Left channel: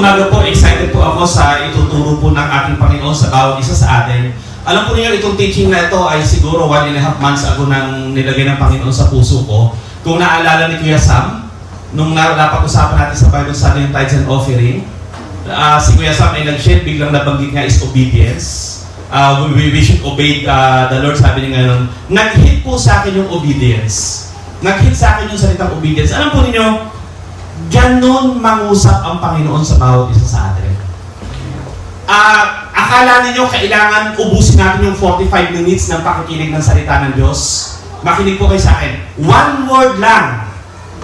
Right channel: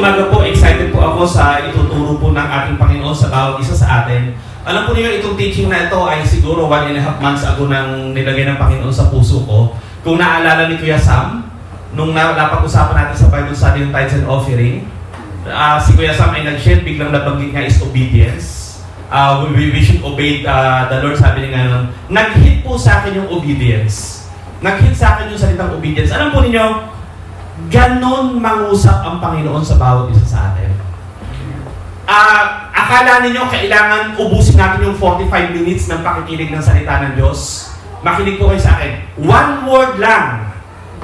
umaga po, excited po ako sa ituturo po ng ating Panginoon sa bawat isa sa atin. Alam po niyo, itong teaching na ito ay siguro 1.5 months ago nang nilagay ng Panginoon sa puso ko. Kung naalala ni Kuya Sam, nung napag-usapan natin sa Bible study yung tithes and offering, si Kuya Sam ay nag-share, biglang nabanggit nga is obedience. We should obey the Lord, sabi niya ngayon. Nag-hit po sa akin yung obedience. Nag-hit sa akin yung salitang obedience. Alam po ninyo, ganon mangusap ang Panginoon sa bawat isa sa atin. Akala ninyo kailangan ubusin natin yung 45 minutes ng pakikinig ng salita ng Diyos? Makinig po kayo sa akin. One word lang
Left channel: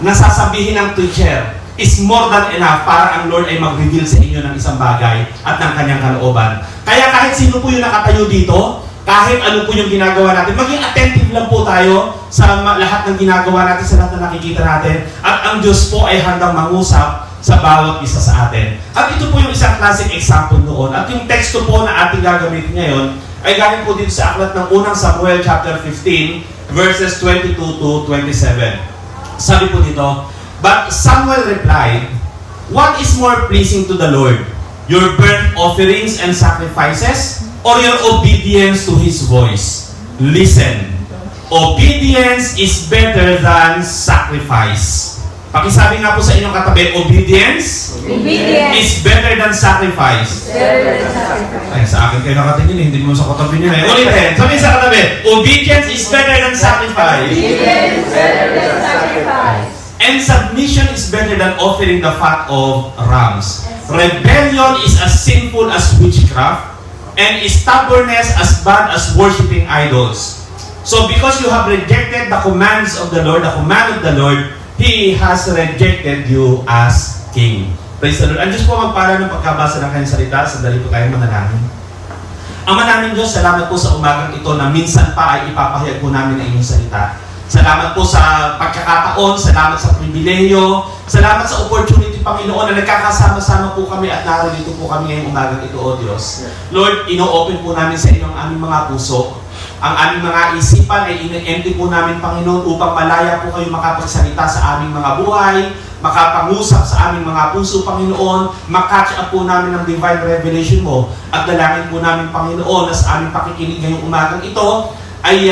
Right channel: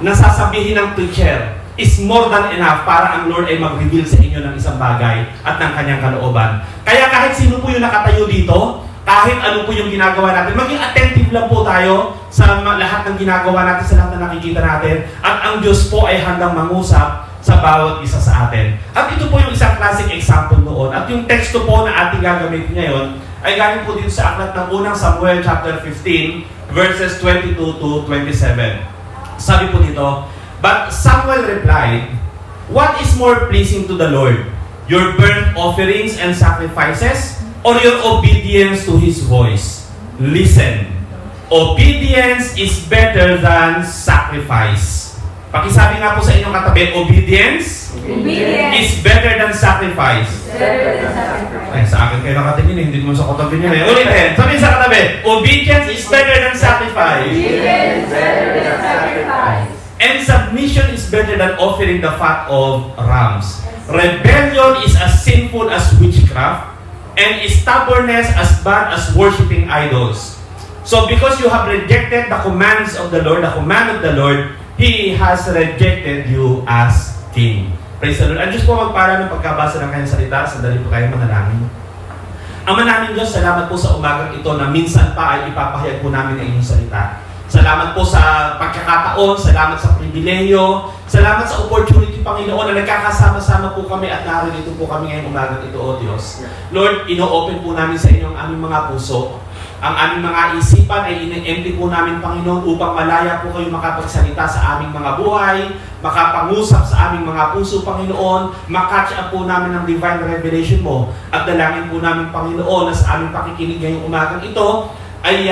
na sasabihin ng teacher is more than enough para ang Lord ay mag-reveal sa inyo ng isang bagay at ng kanyang kalooban. Kaya kahit sino po yung nakatayo dito, kahit ano po yung ginagawa natin, maging attentive lang po tayo sa lahat ng ginagawa natin, sa lahat na nakikita natin. At ang Diyos po ay handang mangusap sa bawat isa sa atin. At ito po yung isang classic example noon. At yung teksto po na ating gagamitin ngayon ay galing po dito sa aklat ng unang Samuel chapter 15 verses 22 to 27. Sabi po dito, "But Samuel replied, 'What is more pleasing to the Lord? Your burnt offerings and sacrifices, or your obedience to His voice? Listen, obedience is better than sacrifice." Pakisabi nga po sa inyong katabi, obedience is better than sacrifice. Sa akin kayo nakatingin, hindi mo sa katabi nyo eh. Ulitin, sabihin sa katabi, obedience is better than sacrifice. And submission is better than offering the fat of rams. Rebellion is as sinful as witchcraft, and stubbornness as bad as worshiping idols. So because you have rejected the commands of the Lord, the command of the Lord, He has rejected you as King. Praise the Lord. Ang Diyos po magpala ng pagkabasa ng kanyang salita. Sandali po kayo manalangin. Ama namin Diyos, salamat po sa umagang ito na minsan pa ay ipapahayag po namin ang inyong salita. Salamat po sa pagkakataon, salamat sa pribileyo, salamat sa opportunity, Panginoon, na nagkakasama-sama po kami at narito po kami ngayong umagang ito, O Diyos. Lord, ino-open po namin sa inyo ang aming mga puso. Ang aming mga isipan ay in-empty po namin, Panginoon, upang malaya po kayo makapagsalita sa aming mga buhay, makapangusap sa aming mga puso, Panginoon, makatch up po namin ng divine revelation mo, at dalangin po namin, Panginoon, na sa aming pakikinig ngayong umagang ito, ay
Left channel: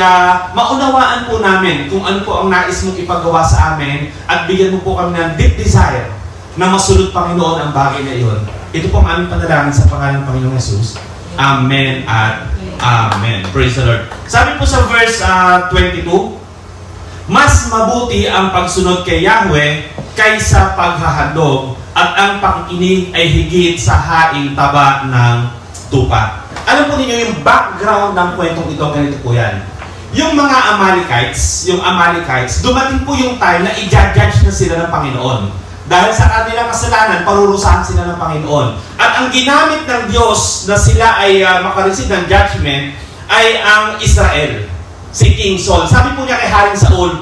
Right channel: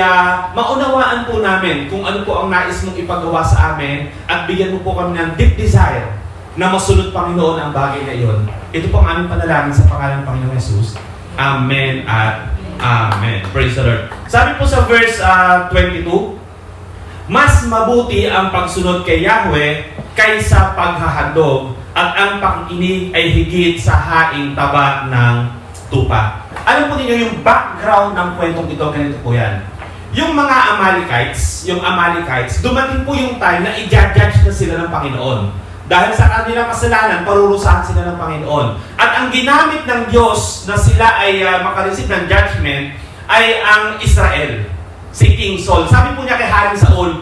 maunawaan po namin kung ano po ang nais mong ipagawa sa amin at bigyan mo po kami ng deep desire na masunod, Panginoon, ang bagay na iyon. Ito po ang aming panalangin sa pangalan ng Panginoong Jesus. Amen at Amen. Praise the Lord. Sabi po sa verse 22, "Mas mabuti ang pagsunod kay Yahweh kaysa paghahandog, at ang pakikinig ay higit sa haing taba ng tupa." Alam po ninyo yung background ng kwentong ito, ganito po yan. Yung mga Amalekites, dumating po yung time na i-judge na sila ng Panginoon. Dahil sa kanilang kasalanan, parurusahan sila ng Panginoon. At ang ginamit ng Diyos na sila ay makareceive ng judgment ay ang Israel, si King Saul. Sabi po niya kay Haring Saul,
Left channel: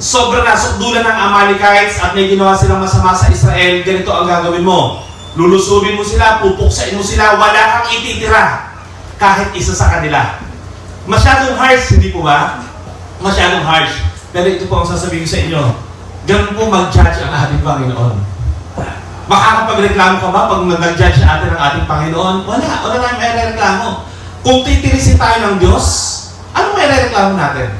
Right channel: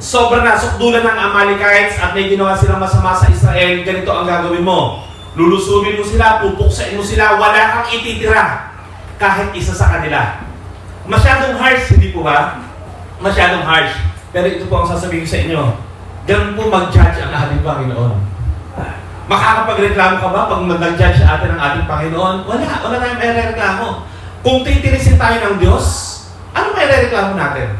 sobra na sukdulan ng Amalekites at may ginawa silang masama sa Israel, ganito ang gagawin mo. Lulusobin mo sila, pupuksain mo sila, wala kang ititira kahit isa sa kanila. Masyadong harsh, hindi po ba? Masyadong harsh. Pero ito po ang sasabihin sa inyo. Ganun po mag-judge ang ating Panginoon. Makakapagreklamo ka ba pag mag-judge sa atin ang ating Panginoon? Wala tayong may reklamo. Kung titirisin tayo ng Diyos, ano may reklamo natin?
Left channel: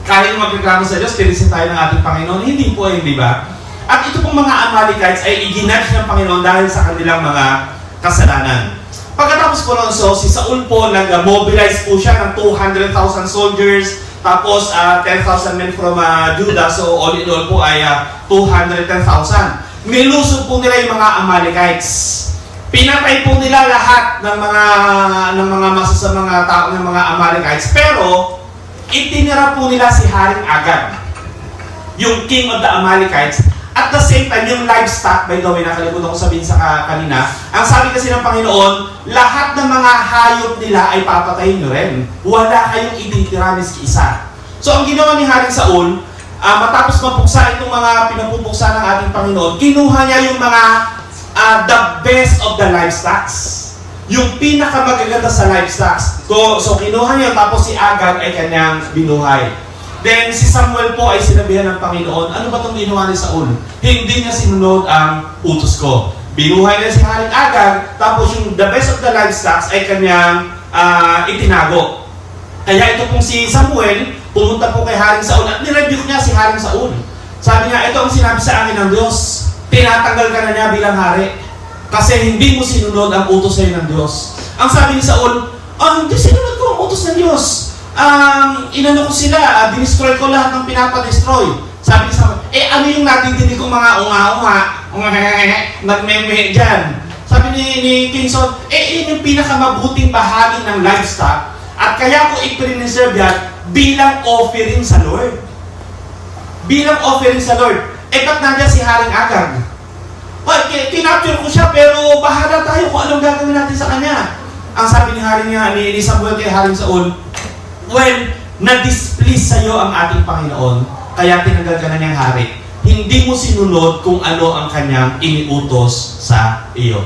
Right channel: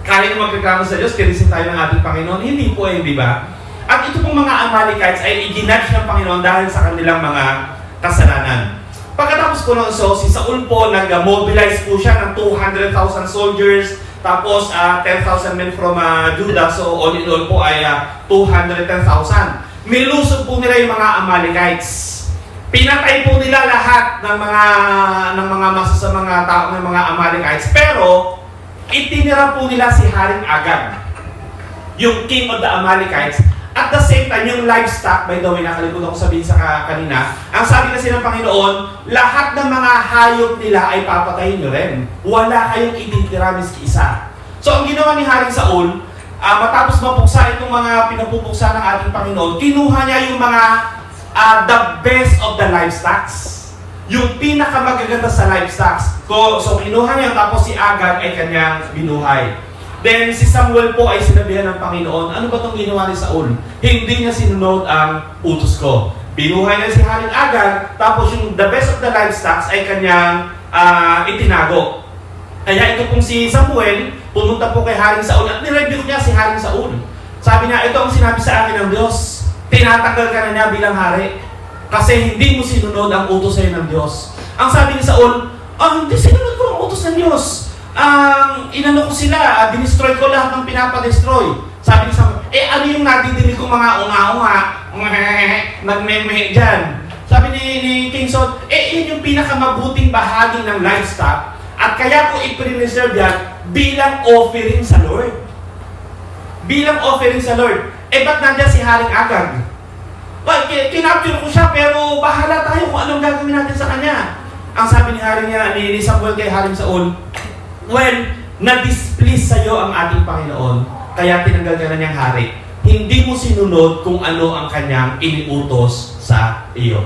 Kaya nyo magreklamo sa Diyos, tirisin tayo ng ating Panginoon? Hindi po di ba? At ito pong mga Amalekites ay i-judge ng Panginoon dahil sa kanilang mga kasalanan. Pagkatapos po ng si Saul po, nag-mobilize po siya ng 200,000 soldiers, tapos 10,000 men from Judah, so all in all po ay 210,000. Nilusog po nila yung mga Amalekites. Pinatay po nila lahat ng mga masasamang tao ng mga Amalekites, pero itinira po nila si Haring Agag, yung king of the Amalekites. At the same time, yung livestock, by the way, nakalimutan ko sabihin sa kanina, ang sabi kasi ng Panginoon, lahat ng mga hayop nila ay papatayin nyo rin. Wala kayong ititira miski isa. So, ang ginawa ni Haring Saul, matapos mapuksa itong mga pinapupuksa ng ating Panginoon, kinuha niya yung mga the best of the livestock. Yung pinakamagaganda sa livestock. So, kinuha niya, tapos si Agag ay kanyang binuhay. Then si Samuel po ay sinabihan ng Panginoon, ano ba itong ginawa ni Saul? Hindi niya sinunod ang utos ko. Binuhay niya si Haring Agag, tapos yung the best of the livestock ay kanyang itinago. Kaya ito pong si Samuel, pumunta po kay Haring Saul at nirebuke niya si Haring Saul. Sabi niya, ito ang sinabi sa akin ng Diyos. Tinatanggal ka na niya bilang hari. Kasi hindi mo sinunod ang utos sa'yo ng Diyos. Ang sabi ni Saul, hindi sinunod ko ang utos ng Diyos. Inano ko sila, dinestroy ko lahat ng pinapadestroy. Sabi ni Samuel, ano yung natidinig kong mga unga-unga, nagmemehe dyan. Sabi ni King Saul, yun yung pinakamabuting bahagi ng livestock. At kaya ko i-preserve yan bilang offering sa Lord. Bilang offering sa Lord. Ba't nandiyan si Haring Agag? Kinapture ko siya, pero bahala tayo kung anong gagawin natin sa kanya. Ang sabi ni Samuel kay Haring Saul, na-displease sa'yo ang ating Panginoon, kaya tinanggal ka na niyang hari. Hindi mo sinunod kung ano ang kanyang iniutos sa iyo.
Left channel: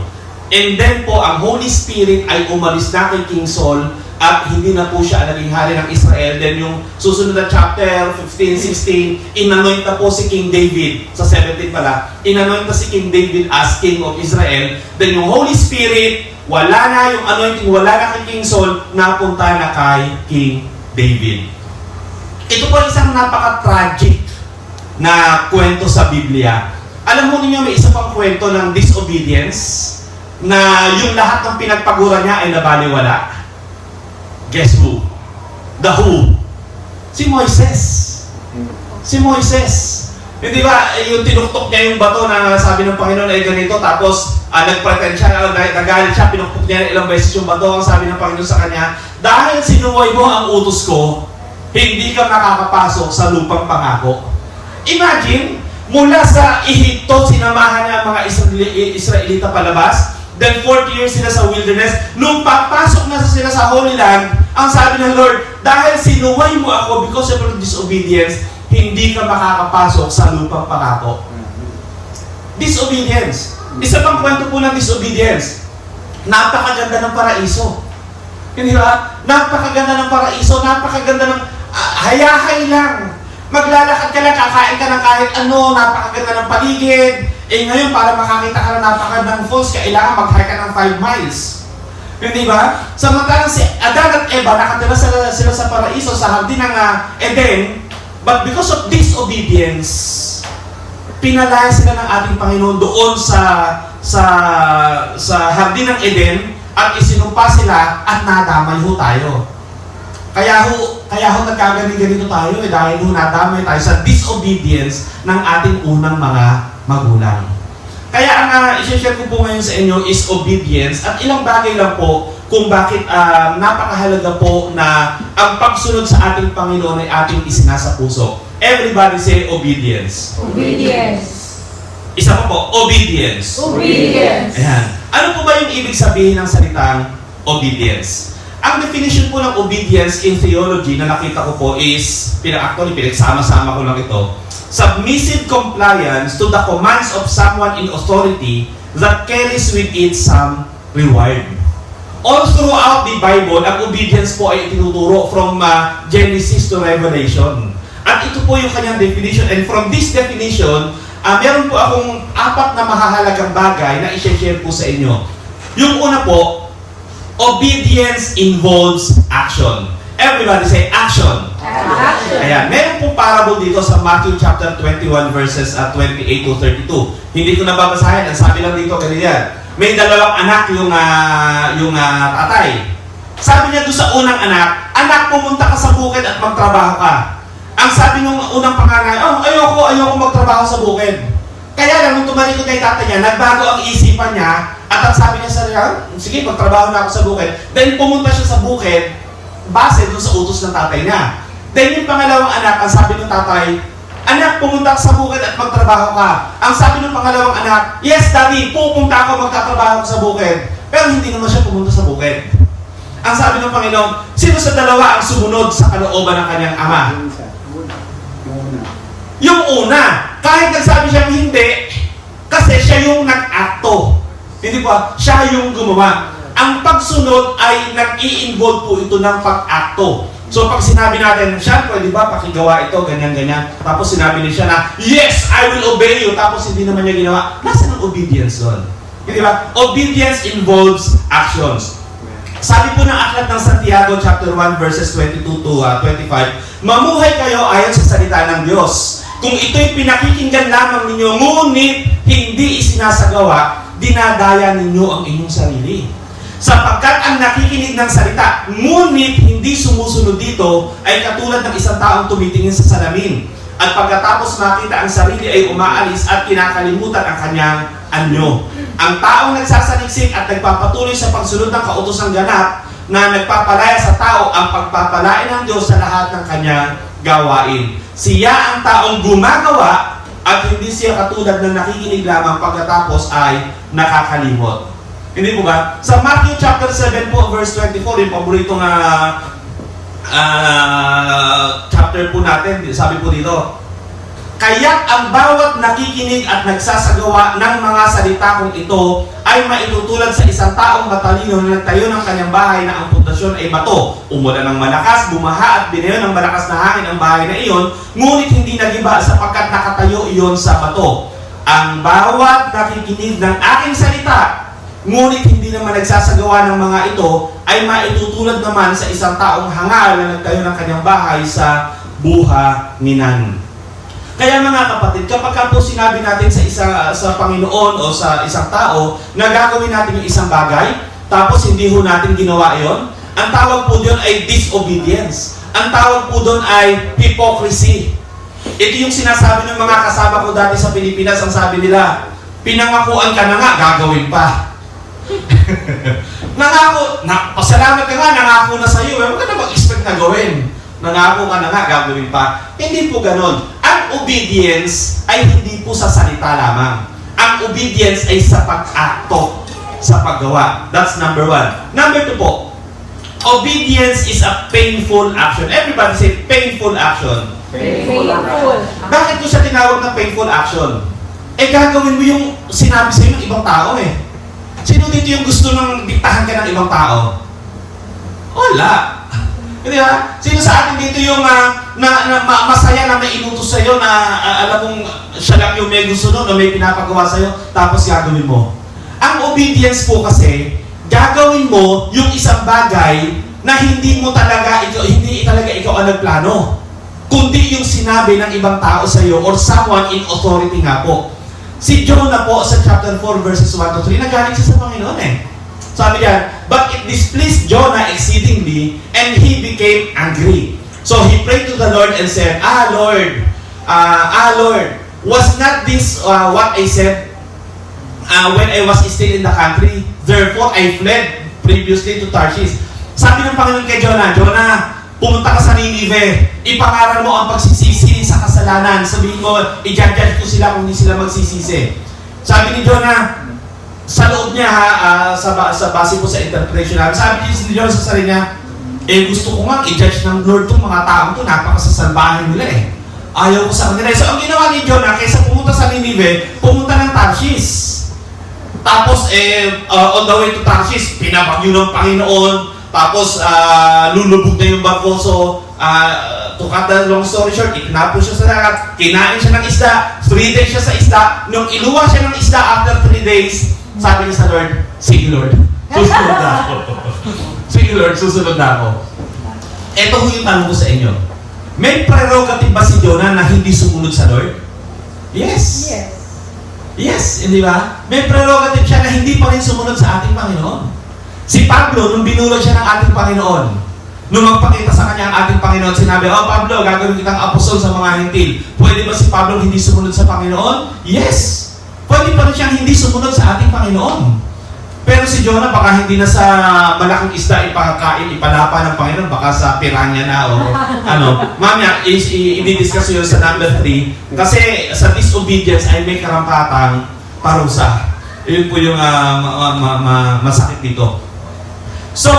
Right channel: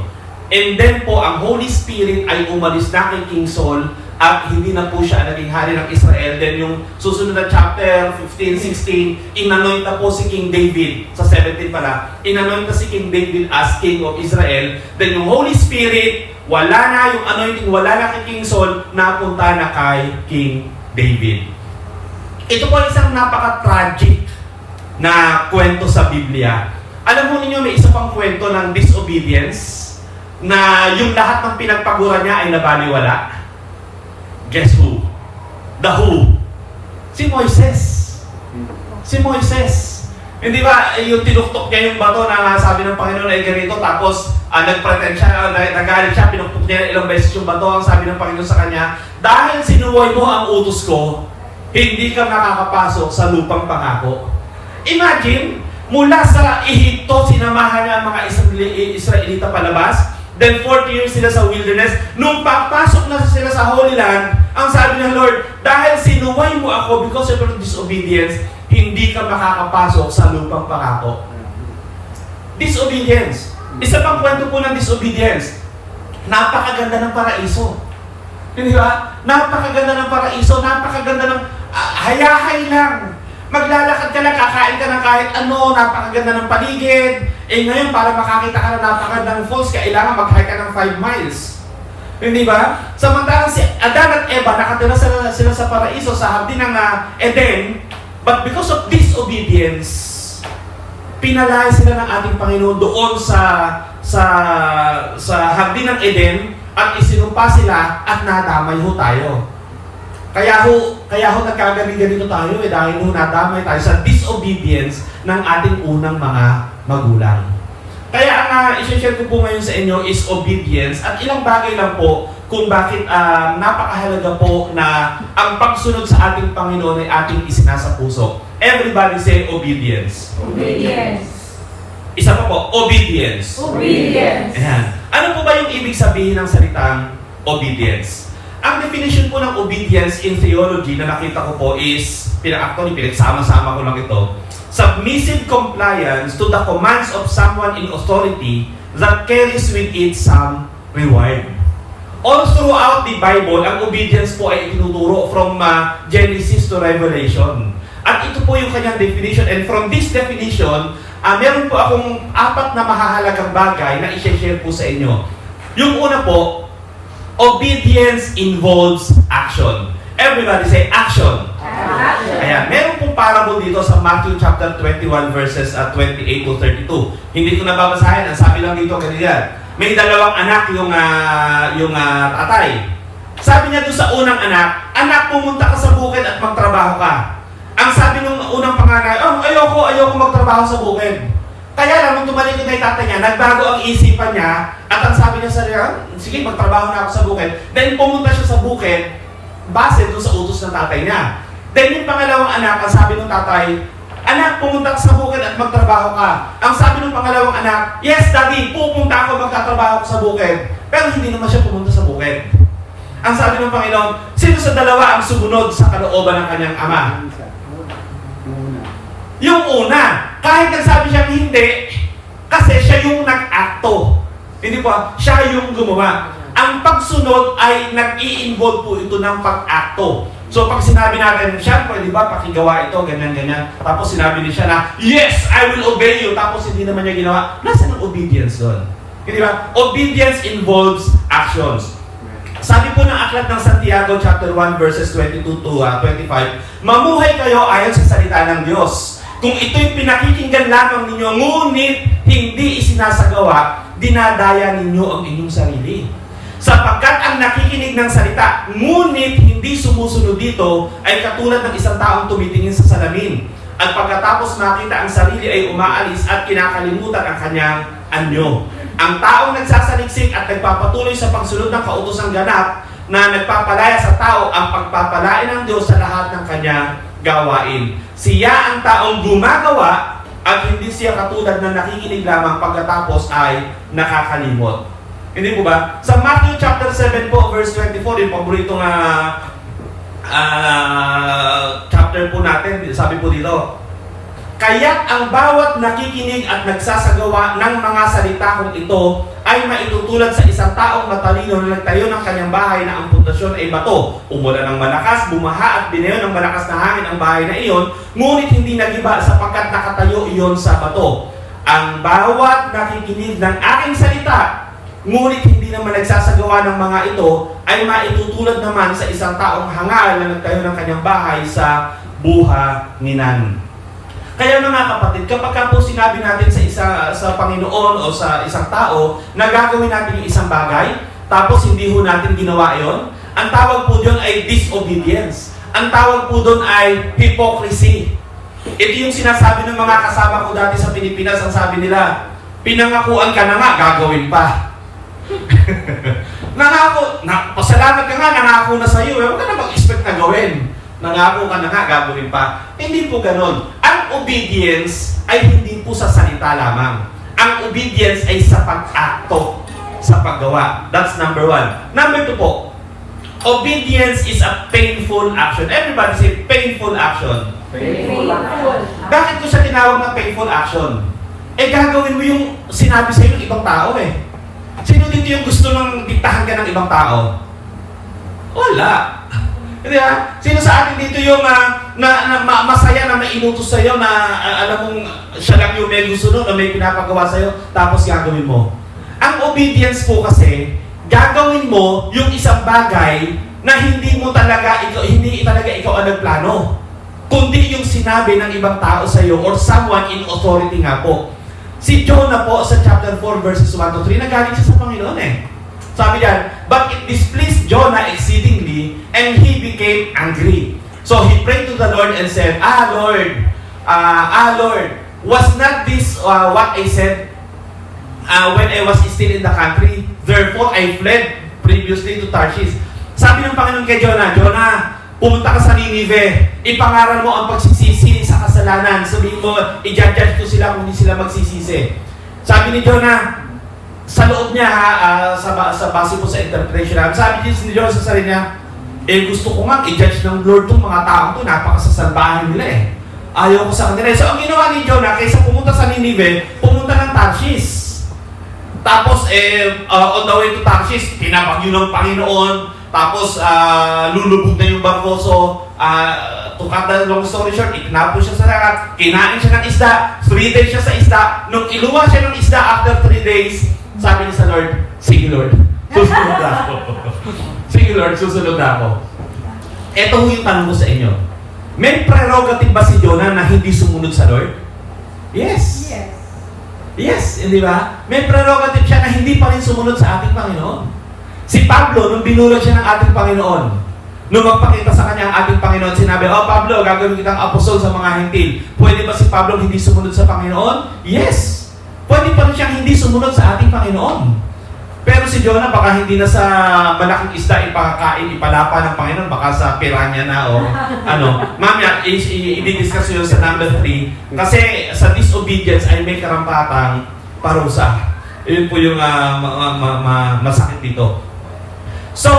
And then po, ang Holy Spirit ay umalis na kay King Saul at hindi na po siya naging hari ng Israel. Then yung susunod na chapter 15, 16, inanoint na po si King David. Sa 17 pala, inanoint na si King David as King of Israel. Then yung Holy Spirit, wala na yung anointing, wala na kay King Saul, napunta na kay King David. Ito po isang napaka-tragic na kwento sa Biblia. Alam mo ninyo, may isa pang kwento ng disobedience na yung lahat ng pinagpagura niya ay nabaliwala. Guess who? The who? Si Moises. Si Moises. Hindi ba, yung tinuktok niya yung bato na sabi ng Panginoon ay ganito, tapos nag-pretend siya, nagalit siya, pinuktok niya ilang beses yung bato, ang sabi ng Panginoon sa kanya, dahil sinuway mo ang utos ko, hindi ka makakapasok sa lupang pangako. Imagine, mula sa Ehipto, sinamahan niya ang mga Israelita palabas, then 40 years sila sa wilderness. Nung papasok na sila sa Holy Land, ang sabi ng Lord, dahil sinuway mo ako because of your disobedience, hindi ka makakapasok sa lupang pangako. Disobedience. Isa pang kwento po ng disobedience. Napakaganda ng paraiso. Hindi ba? Napakaganda ng paraiso, napakaganda ng hayahay lang. Maglalakad ka lang, kakain ka ng kahit ano, napakaganda ng paligid. Ngayon, para makakita ka ng napakagandang falls, kailangan mag-hike ka ng 5 miles. Hindi ba? Samantalang si Adan at Eva, nakatira sila sa paraiso, sa hardin ng Eden, but because of disobedience, pinalaya sila ng ating Panginoon doon sa hardin ng Eden, at isinumpa sila at nadamay ho tayo. Kaya ho nagkagaling-ganito tayo dahil ho nadamay tayo sa disobedience ng ating unang mga magulang. Kaya ang i-share ko po ngayon sa inyo is obedience at ilang bagay lang po kung bakit napakahalaga po na ang pagsunod sa ating Panginoon ay ating isinasa puso. Everybody say obedience. Obedience. Isa pa po, obedience. Obedience. Ayan. Ano po ba yung ibig sabihin ng salitang obedience? Ang definition po ng obedience in theology na nakita ko po is, pinagsama-sama ko lang ito, submissive compliance to the commands of someone in authority that carries with it some reward. All throughout the Bible, ang obedience po ay tinuturo from Genesis to Revelation. At ito po yung kanyang definition. And from this definition, meron po akong 4 na mahahalagang bagay na i-share po sa inyo. Yung una po, obedience involves action. Everybody say action. Action. Ayan, meron pong parable dito sa Matthew chapter 21 verses 28 to 32. Hindi ko nababasahin, ang sabi lang dito kanina. May 2 anak yung tatay. Sabi niya doon sa unang anak, anak, pumunta ka sa bukid at magtrabaho ka. Ang sabi nung unang panganay, ayoko magtrabaho sa bukid. Kaya lang, nung tumalikod na yung tatay niya, nagbago ang isipan niya, at ang sabi niya sa kanya, sige, magtrabaho na ako sa bukid. Then pumunta siya sa bukid, base doon sa utos ng tatay niya. Then yung pangalawang anak, ang sabi ng tatay, anak, pumunta ka sa bukid at magtrabaho ka. Ang sabi ng pangalawang anak, yes, daddy, pupunta ako, magtatrabaho ako sa bukid. Pero hindi naman siya pumunta sa bukid. Ang sabi ng Panginoon, sino sa dalawa ang sumunod sa kalooban ng kanyang ama? Yung una, kahit nagsabi siyang hindi, kasi siya yung nag-akto. Hindi ba? Siya yung gumawa. Ang pagsunod ay nag-i-involve po ito ng pag-akto. So pag sinabi natin, siya, pwede ba pakigawa ito, ganyan-ganyan. Tapos sinabi niya siya na, yes, I will obey you. Tapos hindi naman niya ginawa. Nasaan ang obedience doon? Di ba? Obedience involves actions. Sabi po ng aklat ng Santiago chapter 1 verses 22 to 25, mamuhay kayo ayon sa salita ng Diyos. Kung ito'y pinakikinggan lamang ninyo, ngunit hindi isinasagawa, dinadaya ninyo ang inyong sarili. Sapagkat ang nakikinig ng salita, ngunit hindi sumusunod dito, ay katulad ng isang taong tumitingin sa salamin. At pagkatapos makita ang sarili ay umaalis at kinakalimutan ang kanyang anyo. Ang taong nagsasaliksik at nagpapatuloy sa pagsunod ng kautosang ganap na nagpapalaya sa tao ang pagpapalain ng Diyos sa lahat ng kanyang gawain. Siya ang taong gumagawa at hindi siya katulad na nakikinig lamang pagkatapos ay nakakalimot. Hindi po ba? Sa Matthew chapter 7 po, verse 24, yung paboritong chapter po natin, sabi po dito, kaya't ang bawat nakikinig at nagsasagawa ng mga salita kong ito ay maitutulad sa isang taong matalino na nagtayo ng kanyang bahay na ang pundasyon ay bato. Umulan ng malakas, bumaha at binayo ng malakas na hangin ang bahay na iyon, ngunit hindi nagiba sapagkat nakatayo iyon sa bato. Ang bawat nakikinig ng aking salita, ngunit hindi naman nagsasagawa ng mga ito, ay maitutulad naman sa isang taong hangal na nagtayo ng kanyang bahay sa buhanginan. Kaya mga kapatid, kapag po sinabi natin sa Panginoon o sa isang tao na gagawin natin yung isang bagay, tapos hindi ho natin ginawa yon, ang tawag po doon ay disobedience. Ang tawag po doon ay hypocrisy. Ito yung sinasabi ng mga kasama ko dati sa Pilipinas, ang sabi nila, pinangakuan ka na nga, gagawin pa. Nangako, pasalamat ka nga, nangako na sa iyo, huwag ka na mag-expect na gawin. Nangako ka na nga, gagawin pa. Hindi po ganon. Ang obedience ay hindi po sa salita lamang. Ang obedience ay sa pag-akto, sa paggawa. That's number 1. Number 2 po, obedience is a painful action. Everybody say, painful action. Painful. Bakit ko siya tinawag na painful action? Eh, gagawin mo yung sinabi sa'yo ng ibang tao eh. Sino dito yung gusto nang diktahan ka ng ibang tao? Wala. Hindi ba? Sino sa atin dito yung masaya na may inutos sa'yo na alam mong siya lang yung may gusto doon o may pinapagawa sa'yo, tapos gagawin mo? Ang obedience po kasi, gagawin mo yung isang bagay na hindi talaga ikaw ang nagplano, kundi yung sinabi ng ibang tao sa'yo or someone in authority nga po. Si Jonah po sa chapter 4 verses 1 to 3, nagalit siya sa Panginoon eh. Sabi niya, but it displeased Jonah exceedingly and he became angry. So he prayed to the Lord and said, Lord, was not this what I said when I was still in the country? Therefore I fled previously to Tarshish. Sabi ng Panginoon kay Jonah, pumunta ka sa Ninive, ipangaral mo ang pagsisisi sa kasalanan. Sabihin mo, i-judge ko sila kung hindi sila magsisisi. Sabi ni Jonah, sa loob niya sa base po sa interpretation namin, sabi ni Jonah sa sarili niya, gusto ko nga i-judge ng Lord tong mga taong to, napakasasalbahan nila eh. Ayaw ko sa kanila. So ang ginawa ni Jonah, kaysa pumunta sa Ninive, pumunta ng Tarshish. Tapos on the way to Tarshish, pinabagyo ng Panginoon. Tapos, lulubog na yung barko. So, to cut the long story short, itinapo siya sa dagat, kinain siya ng isda, 3 days siya sa isda. Nung iluwa siya ng isda after 3 days, sabi niya sa Lord, sige Lord, susunod na ako. Sige Lord, susunod na ako. Ito yung tanong ko sa inyo. May prerogative ba si Jonah na hindi sumunod sa Lord? Yes. Yes, hindi ba? May prerogative siya na hindi pa rin sumunod sa ating Panginoon. Si Pablo, nung binulog siya ng ating Panginoon, nung magpakita sa kanya ang ating Panginoon, sinabi, Pablo, gagawin kitang apostol sa mga hintil. Pwede ba si Pablo hindi sumunod sa Panginoon? Yes. Pwede pa rin siyang hindi sumunod sa ating Panginoon. Pero si Jonah, baka hindi na sa malaking isda ipakain, ipalapa ng Panginoon, baka sa piranya na o ano. Mamaya, i-discuss yun sa number 3. Kasi sa disobedience ay may karampatang parusa. Yun po yung masakit dito. So,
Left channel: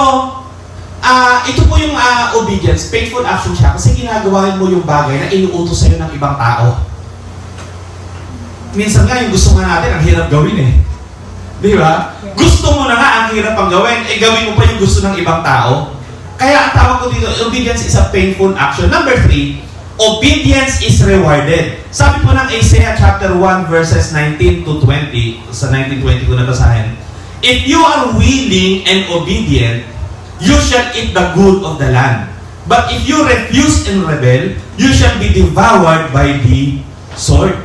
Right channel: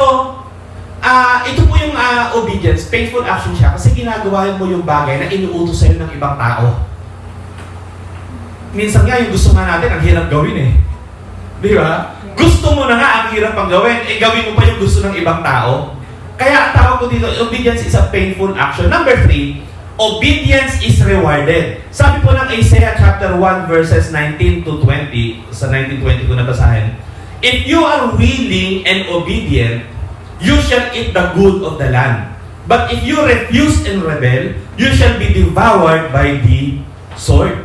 ito po yung obedience, painful action siya kasi ginagawa mo yung bagay na inuutos sa'yo ng ibang tao. Minsan nga yung gusto nga natin, ang hirap gawin eh. Di ba? Gusto mo na nga, ang hirap pang gawin, gawin mo pa yung gusto ng ibang tao. Kaya ang tawag ko dito, obedience is a painful action. Number 3, obedience is rewarded. Sabi po ng Isaiah chapter 1 verses 19 to 20, sa 19-20 ko nabasahin, if you are willing and obedient, you shall eat the good of the land. But if you refuse and rebel, you shall be devoured by the sword.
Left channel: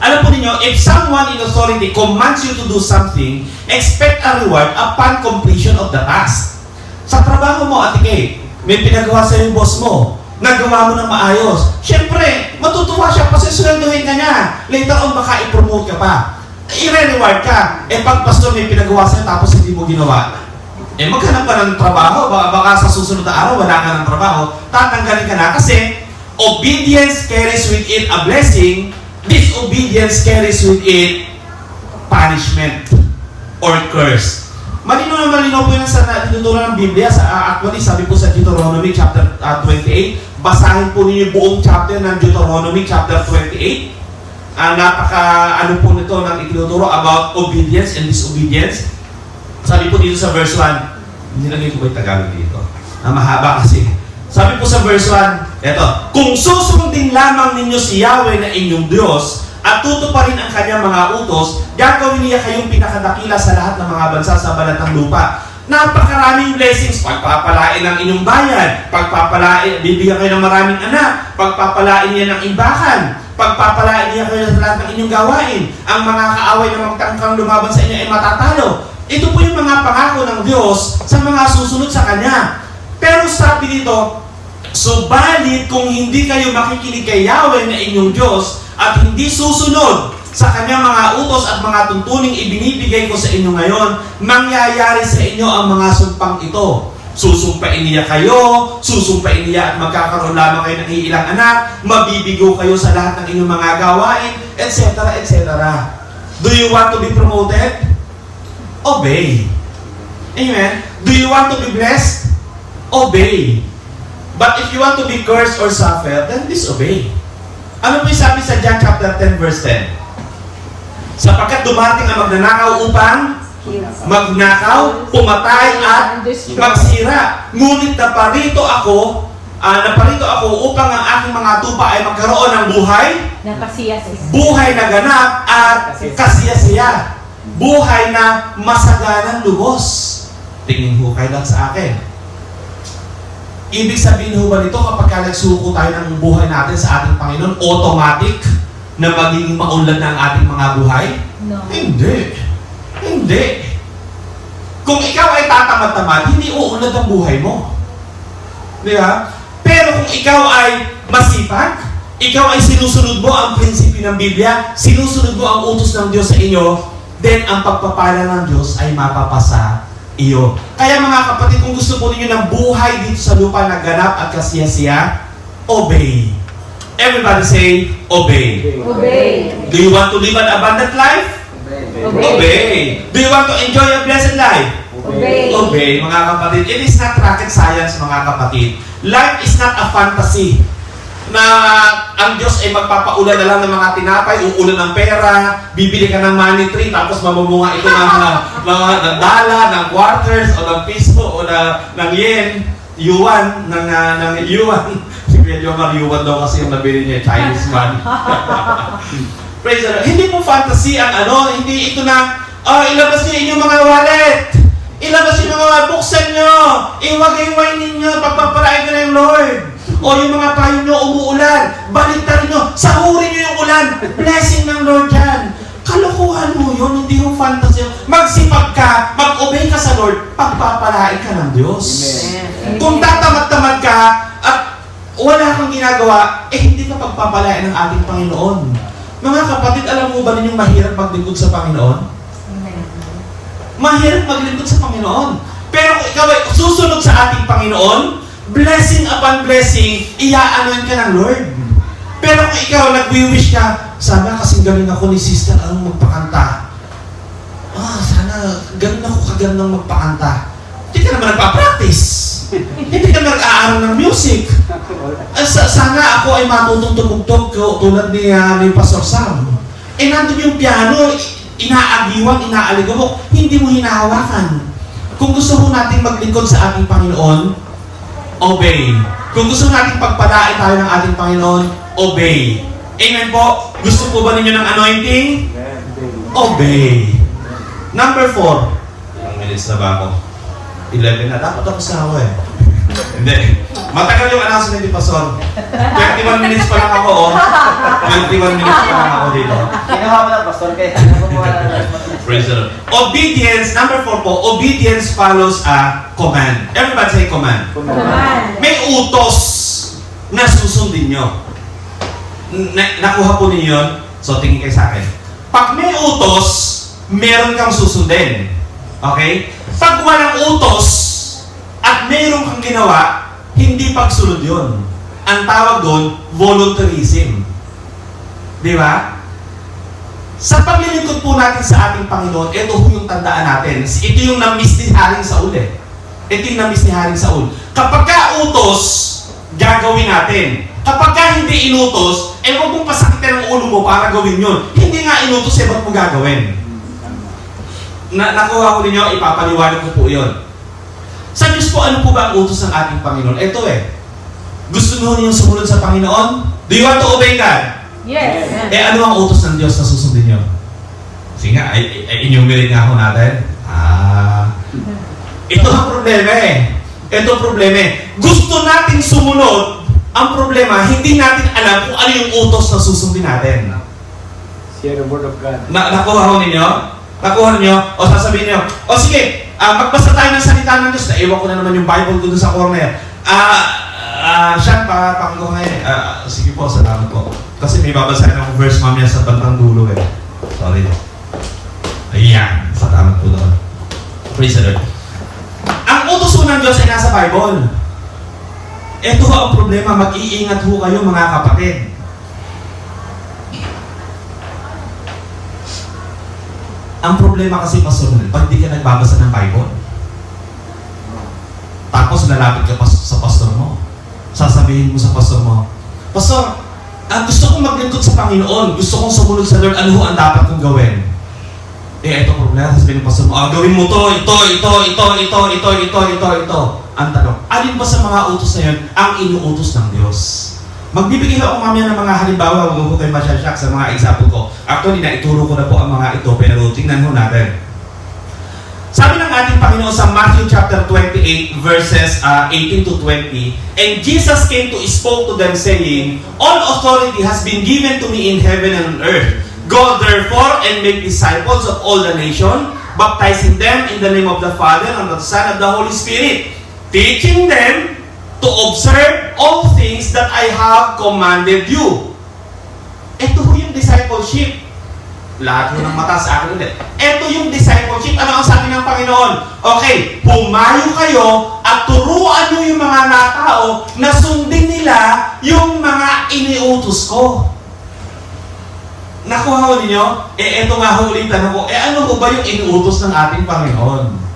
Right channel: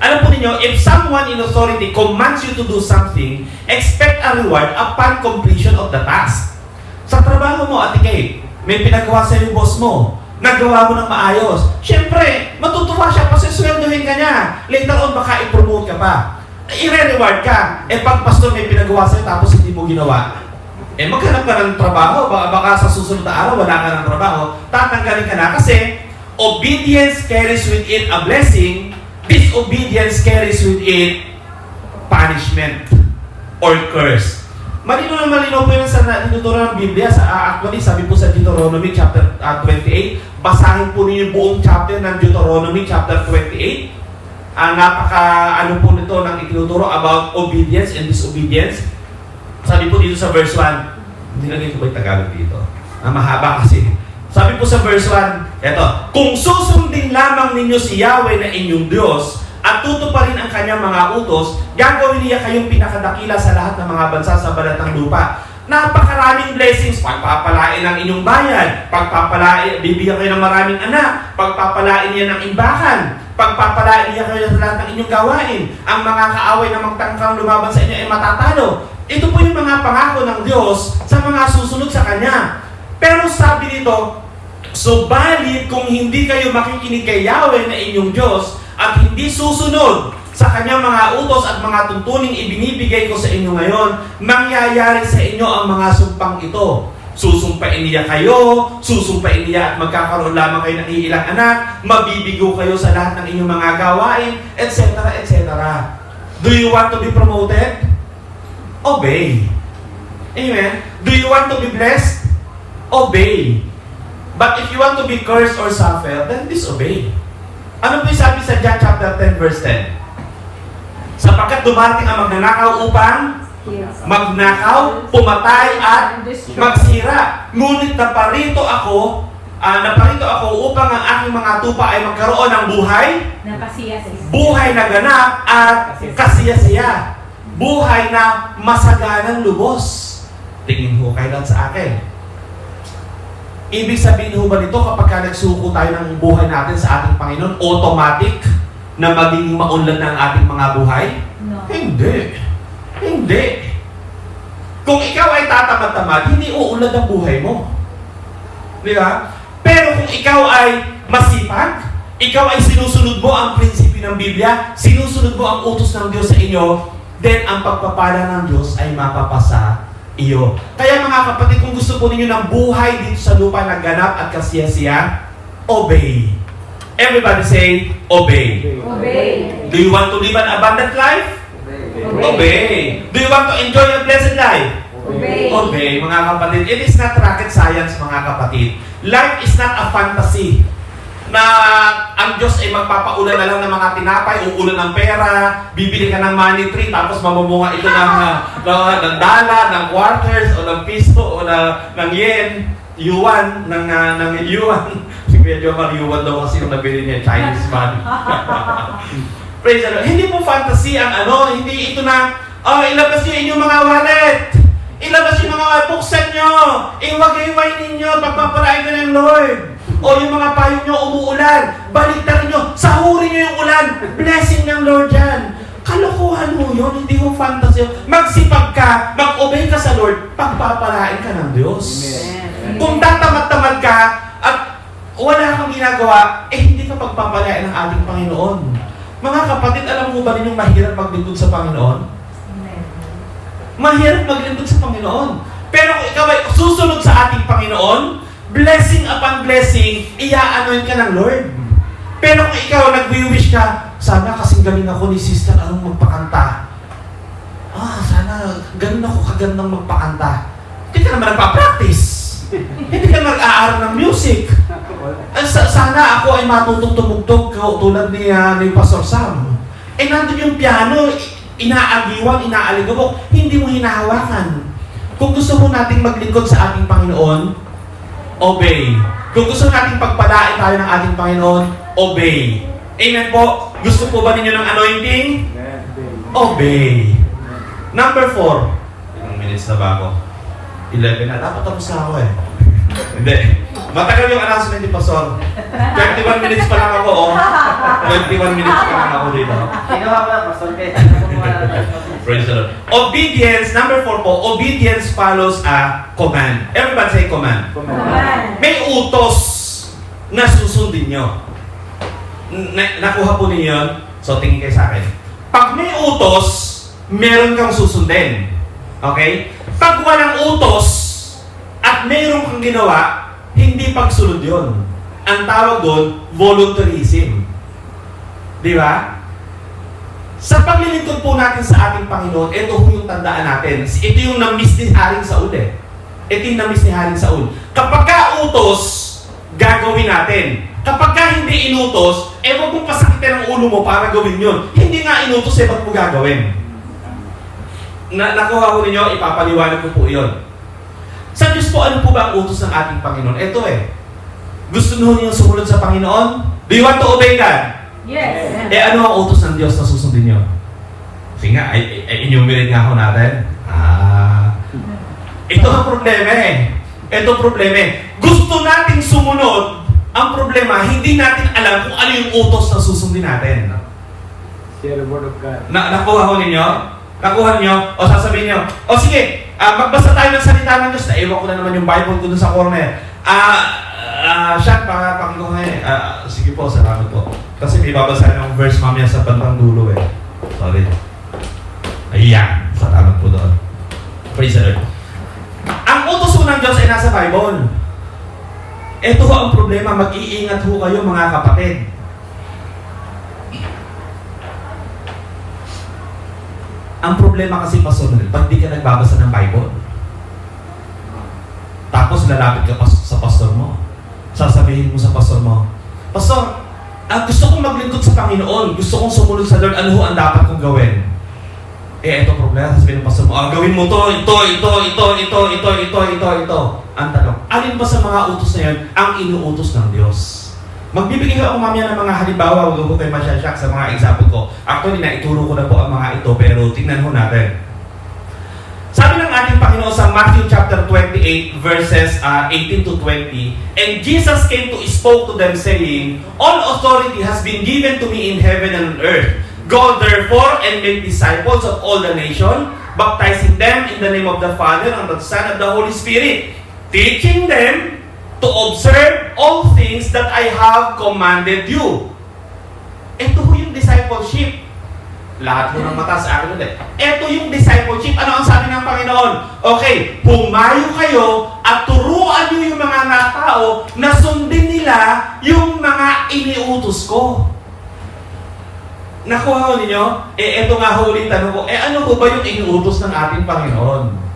Alam po ninyo, if someone in authority commands you to do something, expect a reward upon completion of the task. Sa trabaho mo, Ate Kate, may pinagawa sa yung boss mo, nagawa mo ng maayos. Siyempre, matutuwa siya kasi sweldohin ka niya. Later on, baka i-promote ka pa. I-reward ka. Eh, pag pastor may pinagawa sa'yo tapos hindi mo ginawa, eh, maghanap ka ng trabaho. Baka sa susunod na araw, wala ka ng trabaho. Tatanggalin ka na kasi obedience carries with it a blessing. Disobedience carries with it punishment or curse. Malinaw na malinaw po yan sa tinuturo ng Biblia. Actually, sabi po sa Deuteronomy chapter 28, basahin po ninyo buong chapter ng Deuteronomy chapter 28. Ano po nito ng itinuturo about obedience and disobedience. Sabi po dito sa verse 1, hindi na ko ba yung Tagalog dito? Mahaba kasi. Sabi po sa verse 1, eto, kung susundin lamang ninyo si Yahweh na inyong Diyos at tutuparin ang kanyang mga utos, gagawin niya kayong pinakadakila sa lahat ng mga bansa sa balatang lupa. Napakaraming blessings, pagpapalain ng inyong bayan, bibigyan kayo ng maraming anak, pagpapalain niya ng imbakan, pagpapalain niya kayo sa lahat ng inyong gawain, ang mga kaaway na magtangkang lumaban sa inyo ay matatalo. Ito po yung mga pangako ng Diyos sa mga susunod sa Kanya. Pero sabi dito, subalit kung hindi kayo makikinig kay Yahweh na inyong Diyos at hindi susunod sa Kanyang mga utos at mga tuntuning ibinibigay ko sa inyo ngayon, mangyayari sa inyo ang mga sumpang ito. Susumpain niya kayo, susumpain niya at magkakaroon lamang kayo ng ilang anak, mabibigo kayo sa lahat ng inyong mga gawain, etc. etc. Do you want to be promoted? Obey. Amen? Do you want to be blessed? Obey. But if you want to be cursed or suffer, then disobey. Ano po yung sabi sa John chapter 10 verse 10? Sapagkat dumating ang magnanakaw upang magnakaw, pumatay at magsira. Ngunit naparito ako upang ang aking mga tupa ay magkaroon ng buhay, buhay na ganap at kasiyasiya. Buhay na masaganang lubos. Tingin ho kayo lang sa akin. Ibig sabihin ho ba nito kapag nagsuko tayo ng buhay natin sa ating Panginoon, automatic na magiging maunlad na ang ating mga buhay? No. Hindi. Hindi. Kung ikaw ay tatamad-tamad, hindi uunlad ang buhay mo. Di ba? Pero kung ikaw ay masipag, ikaw ay sinusunod mo ang prinsipyo ng Biblia, sinusunod mo ang utos ng Diyos sa inyo, then ang pagpapala ng Diyos ay mapapasa iyo. Kaya mga kapatid, kung gusto po ninyo ng buhay dito sa lupa na ganap at kasiyasiya, obey. Everybody say, obey. Obey. Do you want to live an abundant life? Obey. Do you want to enjoy a blessed life? Obey. Obey, mga kapatid. It is not rocket science, mga kapatid. Life is not a fantasy na ang Diyos ay magpapaulan na lang ng mga tinapay, uulan ng pera, bibili ka ng money tree, tapos mabumunga ito ng dala, ng quarters, o ng piso, o ng yen, yuan, ng yuan. Medyo yuan daw kasi yung nabili niya, Chinese money. Praise the Lord. Hindi po fantasy ang hindi ito na, ilabas niyo inyong mga wallet. Ilabas yung mga wallet, buksan nyo. Iwagay ninyo, pagpapalain ka ng Lord. O yung mga payo nyo umuulan, baliktarin nyo, sahurin nyo yung ulan, blessing ng Lord yan. Kalokohan mo yun, hindi mo fantasy. Magsipag ka, mag-obey ka sa Lord, pagpapalain ka ng Diyos. Amen. Kung tatamad-tamad ka, at wala kang ginagawa, hindi ka pagpapalain ng ating Panginoon. Mga kapatid, alam mo ba ninyong mahirap maglingkod sa Panginoon? Amen. Mahirap maglingkod sa Panginoon. Pero kung ikaw ay susunod sa ating Panginoon, blessing upon blessing, iaanoin ka ng Lord. Pero kung ikaw nagwi-wish ka, sana kasing galing ako ni Sister magpakanta. Sana galing ako kagandang magpakanta. Hindi ka naman nagpa-practice. Hindi ka nag-aaral ng music. Sana ako ay matutong tumugtog tulad ni Pastor Sam. Nandun yung piano, inaagiwan, inaaligaw mo, hindi mo hinahawakan. Kung gusto mo nating maglingkod sa ating Panginoon, obey. Kung gusto nating pagpalain tayo ng ating Panginoon, obey. Amen po? Gusto po ba ninyo ng anointing? Obey. Number 4. Ilang minutes na ba ako? 11 na. Dapat tapos na ako eh. Hindi. Matagal yung announcement ni Pastor. 21 minutes pa lang ako, oh. 21 minutes pa lang ako dito. Praise the Lord. Obedience, number 4 po, obedience follows a command. Everybody say command. Command. May utos na susundin nyo. Nakuha po ninyo yun? So, tingin kayo sa akin. Pag may utos, meron kang susundin. Okay? Pag walang utos, at mayroon kang ginawa, hindi pagsunod yun. Ang tawag doon, voluntarism. Di ba? Sa paglilingkod po natin sa ating Panginoon, ito po yung tandaan natin. Ito yung na-miss ni Haring Saul eh. Ito yung na-miss ni Haring Saul. Kapag ka utos, gagawin natin. Kapag ka hindi inutos, huwag mong pasakitin ang ulo mo para gawin yun. Hindi nga inutos, ba't mo gagawin? Nakuha ko ninyo, ipapaliwanag ko po yun. Sa Diyos po, ano po ba ang utos ng ating Panginoon? Ito eh. Gusto nyo niyo sumunod sa Panginoon? Do you want to obey God? Yes. Ano ang utos ng Diyos na susundin nyo? Sige nga, enumerate nga ako natin. Ito ang problema eh. Ito ang problema eh. Gusto natin sumunod, ang problema, hindi natin alam kung ano yung utos na susundin natin. Share the word of God. Nakuha ko ninyo? Nakuha ninyo? O sasabihin nyo, o sige, magbasa tayo ng salita ng Diyos. Naiwan ko na naman yung Bible ko dun sa corner. Siya, pakikuha nga eh. Sige po, salamat po. Kasi may babasahin ng verse mamaya sa bantang dulo eh. Sorry. Ayan, salamat po doon. Praise the Lord. Ang utos po ng Diyos ay nasa Bible. Ito ang problema, mag-iingat ho kayo mga kapatid. Ang problema kasi, Pastor, pag di ka nagbabasa ng Bible, tapos lalapit ka sa pastor mo, sasabihin mo sa pastor mo, Pastor, gusto kong maglingkod sa Panginoon, gusto kong sumunod sa Lord, ano ho ang dapat kong gawin? Ito problema, sasabihin ng pastor mo, gawin mo to, ito. Ang tanong, alin ba sa mga utos na yun ang inuutos ng Diyos? Magbibigay ako mamaya ng mga halimbawa, huwag ko kayo masyasyak sa mga example ko. Actually, naituro ko na po ang mga ito, pero tingnan ho natin. Sabi ng ating Panginoon sa Matthew chapter 28, verses 18 to 20, And Jesus came to spoke to them, saying, All authority has been given to me in heaven and on earth. Go therefore and make disciples of all the nation, baptizing them in the name of the Father and of the Son and the Holy Spirit, teaching them to observe all things that I have commanded you. Ito ho yung discipleship. Lahat nyo ng mata sa akin ulit. Ito yung discipleship. Ano ang sabi ng Panginoon? Okay, pumayo kayo at turuan nyo yung mga natao na sundin nila yung mga iniutos ko. Nakuha ho ninyo? Ito nga ho ulit tanong ko, ano ho ba yung iniutos ng ating Panginoon?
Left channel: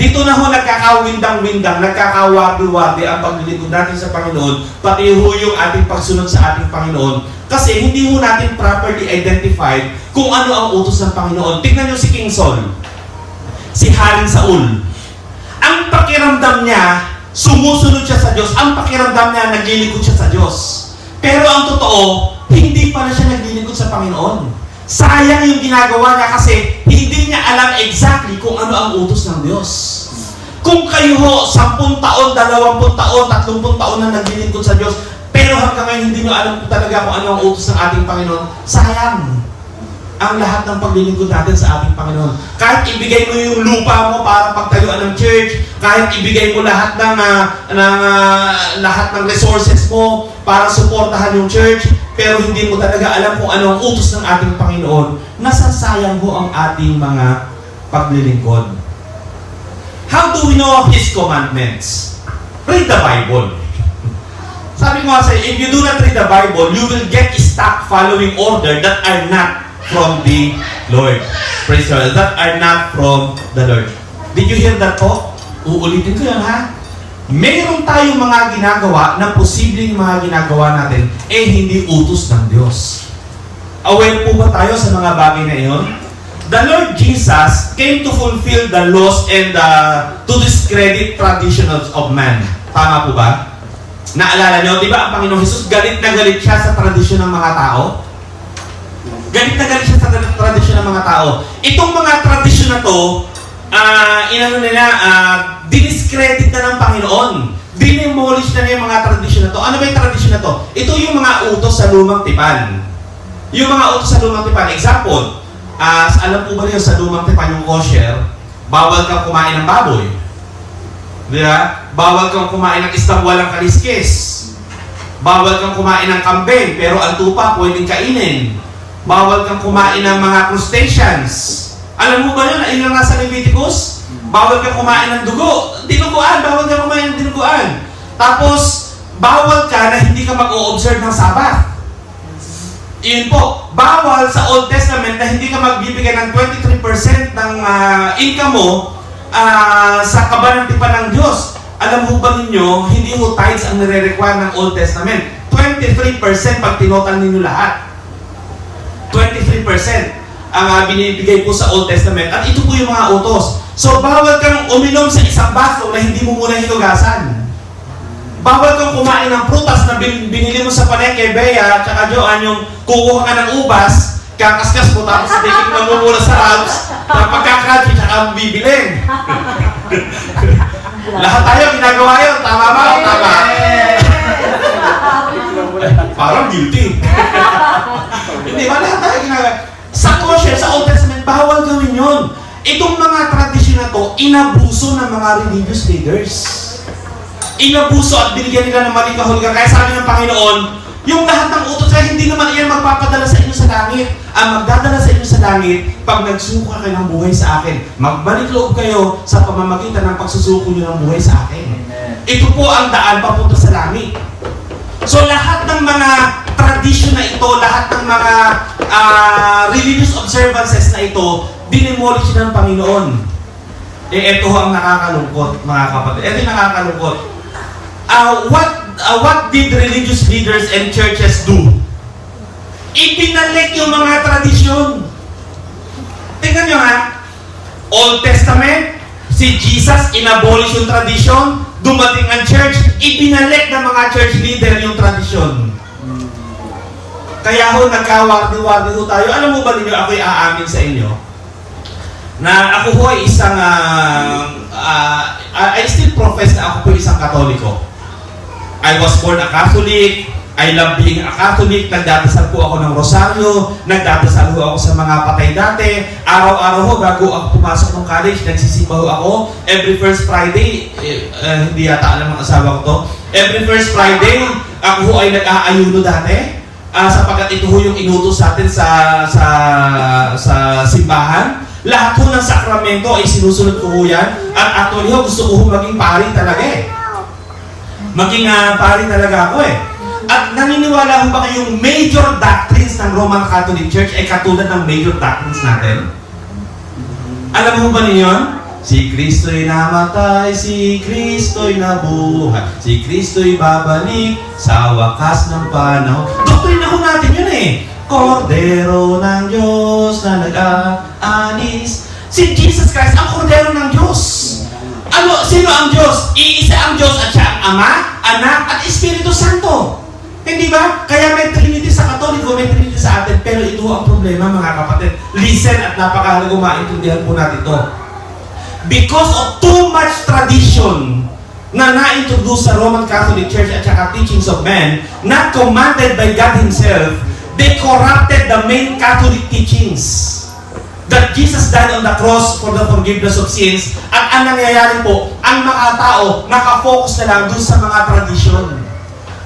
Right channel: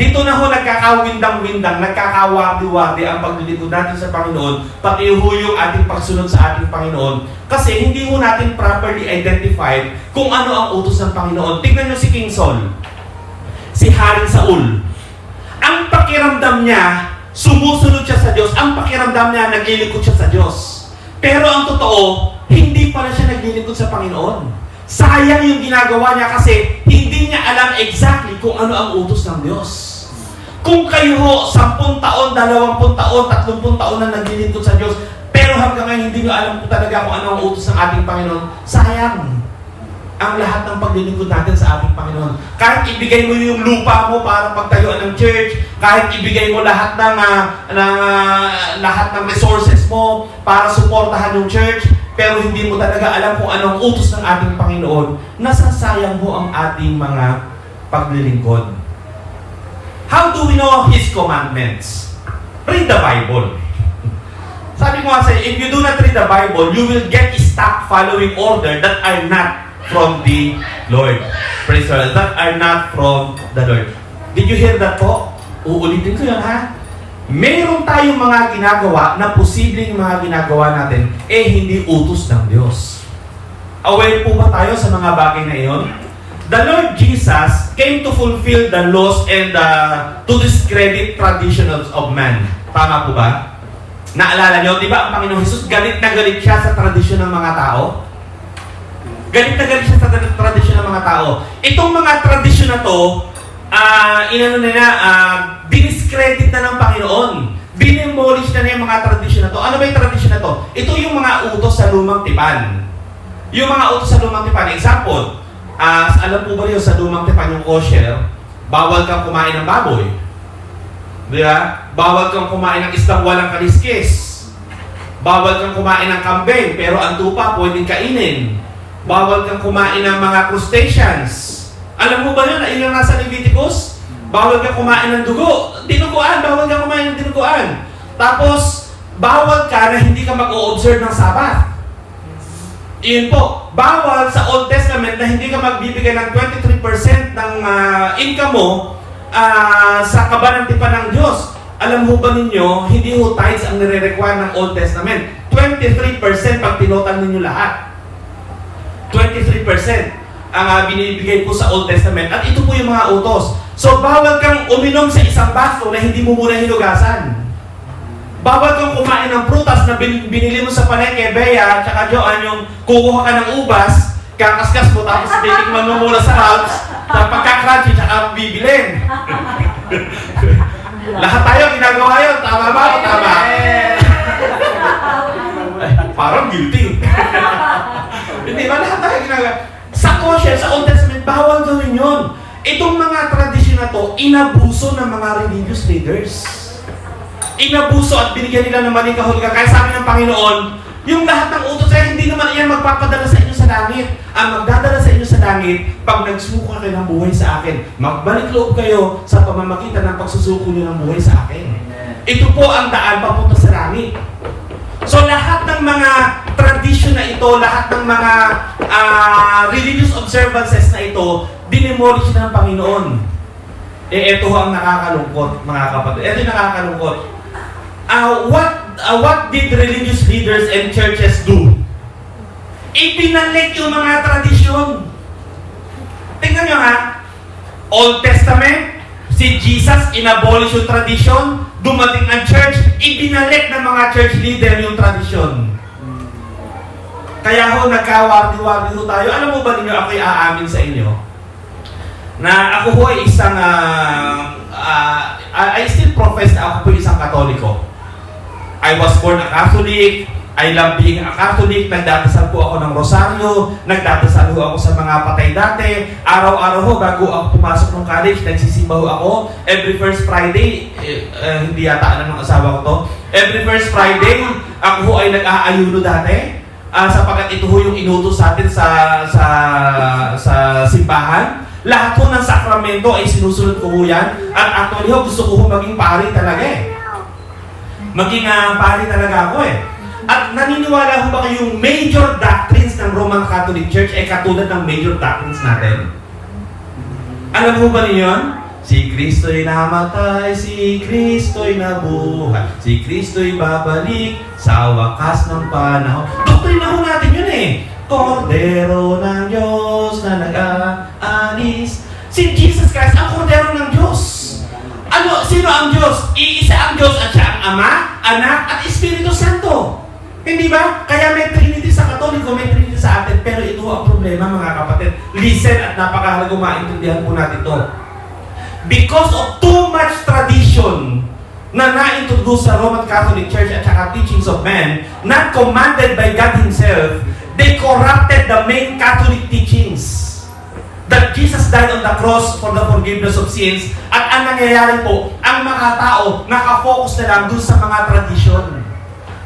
Dito na ho nagkakawindang-windang, nagkakawagi-wagi ang paglilingkod natin sa Panginoon, pati ho yung ating pagsunod sa ating Panginoon. Kasi hindi ho natin properly identified kung ano ang utos ng Panginoon. Tingnan nyo si King Saul, si Haring Saul. Ang pakiramdam niya, sumusunod siya sa Diyos. Ang pakiramdam niya, naglilingkod siya sa Diyos. Pero ang totoo, hindi pala siya naglilingkod sa Panginoon. Sayang yung ginagawa niya kasi hindi niya alam exactly kung ano ang utos ng Diyos. Kung kayo ho, 10 taon, 20 taon, 30 taon na naglilingkod sa Diyos, pero hanggang ngayon hindi niyo alam talaga kung ano ang utos ng ating Panginoon, sayang ang lahat ng paglilingkod natin sa ating Panginoon. Kahit ibigay mo yung lupa mo para pagtayuan ng church, kahit ibigay mo lahat ng resources mo para suportahan yung church, pero hindi mo talaga alam kung anong utos ng ating Panginoon, nasasayang ho ang ating mga paglilingkod. How do we know His commandments? Read the Bible. Sabi ko nga sa'yo, if you do not read the Bible, you will get stuck following order that are not from the Lord. Praise God. That are not from the Lord. Did you hear that po? Uulitin ko yan, ha? Mayroon tayong mga ginagawa na posibleng mga ginagawa natin, hindi utos ng Diyos. Aware po ba tayo sa mga bagay na iyon? the Lord Jesus came to fulfill the laws and to discredit traditions of man. Tama po ba? Naalala nyo, di ba ang Panginoong Jesus, galit na galit siya sa tradisyon ng mga tao? Galit na galit siya sa tradisyon ng mga tao. Itong mga tradisyon na to, diniscredit na ng Panginoon. Dinemolish na yung mga tradisyon na to. Ano ba yung tradisyon na to? Ito yung mga utos sa lumang tipan. Yung mga utos sa lumang tipan. Example, alam po ba niyo sa lumang tipan yung kosher, bawal kang kumain ng baboy. Diba? Bawal kang kumain ng isang walang kaliskis. Bawal kang kumain ng kambing, pero ang tupa pwedeng kainin. Bawal kang kumain ng mga crustaceans. Alam mo ba yun? Ilang nasa Leviticus? Bawal kang kumain ng dugo. Dinuguan. Bawal kang kumain ng dinuguan. Tapos, bawal ka na hindi ka mag-o-observe ng Sabat. Iyon po. Bawal sa Old Testament na hindi ka magbibigay ng 23% ng income mo sa kabanantipan ng Diyos. Alam mo ba ninyo, hindi ho tithes ang nire-require ng Old Testament. 23% pag tinotal ninyo lahat. 23% ang binibigay po sa Old Testament. At ito po yung mga utos. So, bawal kang uminom sa isang baso na hindi mo muna hinugasan. Bawal kang kumain ng prutas na binili mo sa palengke, Bea, tsaka Joan, yung kukuha ka ng ubas, kakaskas mo, tapos titikman mo muna sa Ralphs, tapos pagka-crunchy, tsaka bibilin. Lahat tayo ginagawa yun. Tama ba? Tama. Ay, parang guilty. Hindi ba? Lahat tayo ginagawa. Sa kosher, sa Old Testament, bawal gawin yun. Itong mga tradisyon na to, inabuso ng mga religious leaders. Inabuso at binigyan nila ng maling kahulugan. Kaya sabi ng Panginoon, yung lahat ng utos ay hindi naman iyan magpapadala sa inyo sa langit. Ang magdadala sa inyo sa langit, pag nagsuko kayo ng buhay sa akin, magbalik loob kayo sa pamamagitan ng pagsusuko nyo ng buhay sa akin. Ito po ang daan papunta sa langit. So lahat ng mga tradisyon na ito, lahat ng mga religious observances na ito, dinemolish ng Panginoon. Ito ang nakakalungkot, mga kapatid. Ito yung nakakalungkot. What did religious leaders and churches do? Ibinalik yung mga tradisyon. Tingnan nyo ha, Old Testament, si Jesus inabolish yung tradisyon, dumating ang church, ibinalik ng mga church leader yung tradisyon. Kaya ho, nagkawardi-wardi ho tayo. Alam mo ba ninyo, ako'y aamin sa inyo, na ako ho ay isang, I still profess na ako po isang Katoliko. I was born a Catholic. I love being a Catholic. Nagdadasal po ako ng rosaryo. Nagdadasal ho ako sa mga patay dati. Araw-araw ho, bago ako pumasok ng college, nagsisimba ho ako. Every first Friday, hindi yata alam ng asawa ko to. Every first Friday, ako ho ay nag-aayuno dati. Sapagkat ito ho yung inutos sa atin sa simbahan. Lahat ho ng sakramento ay sinusunod ko ho yan. At actually ho, gusto ko ho maging pari talaga eh. Maging pari talaga ako eh. At naniniwala ho ba kayong major doctrines ng Roman Catholic Church ay katulad ng major doctrines natin? Alam mo ba ninyo? Si Kristo'y namatay, si Kristo'y nabuhay, si Kristo'y babalik sa wakas ng panahon. Doktrina ho natin yun eh. Kordero ng Diyos na nag-aalis. Si Jesus Christ ang kordero ng Diyos. Sino ang Diyos? Iisa ang Diyos at siya ang Ama, Anak, at Espiritu Santo. Hindi ba? Kaya may Trinity sa Katoliko, may Trinity sa atin, pero ito ang problema mga kapatid. Listen at napakahalaga maintindihan po natin ito. Because of too much tradition na na-introduce sa Roman Catholic Church at saka teachings of men, not commanded by God Himself, they corrupted the main Catholic teachings. That Jesus died on the cross for the forgiveness of sins. At ang nangyayari po, ang mga tao nakafocus na lang doon sa mga tradisyon.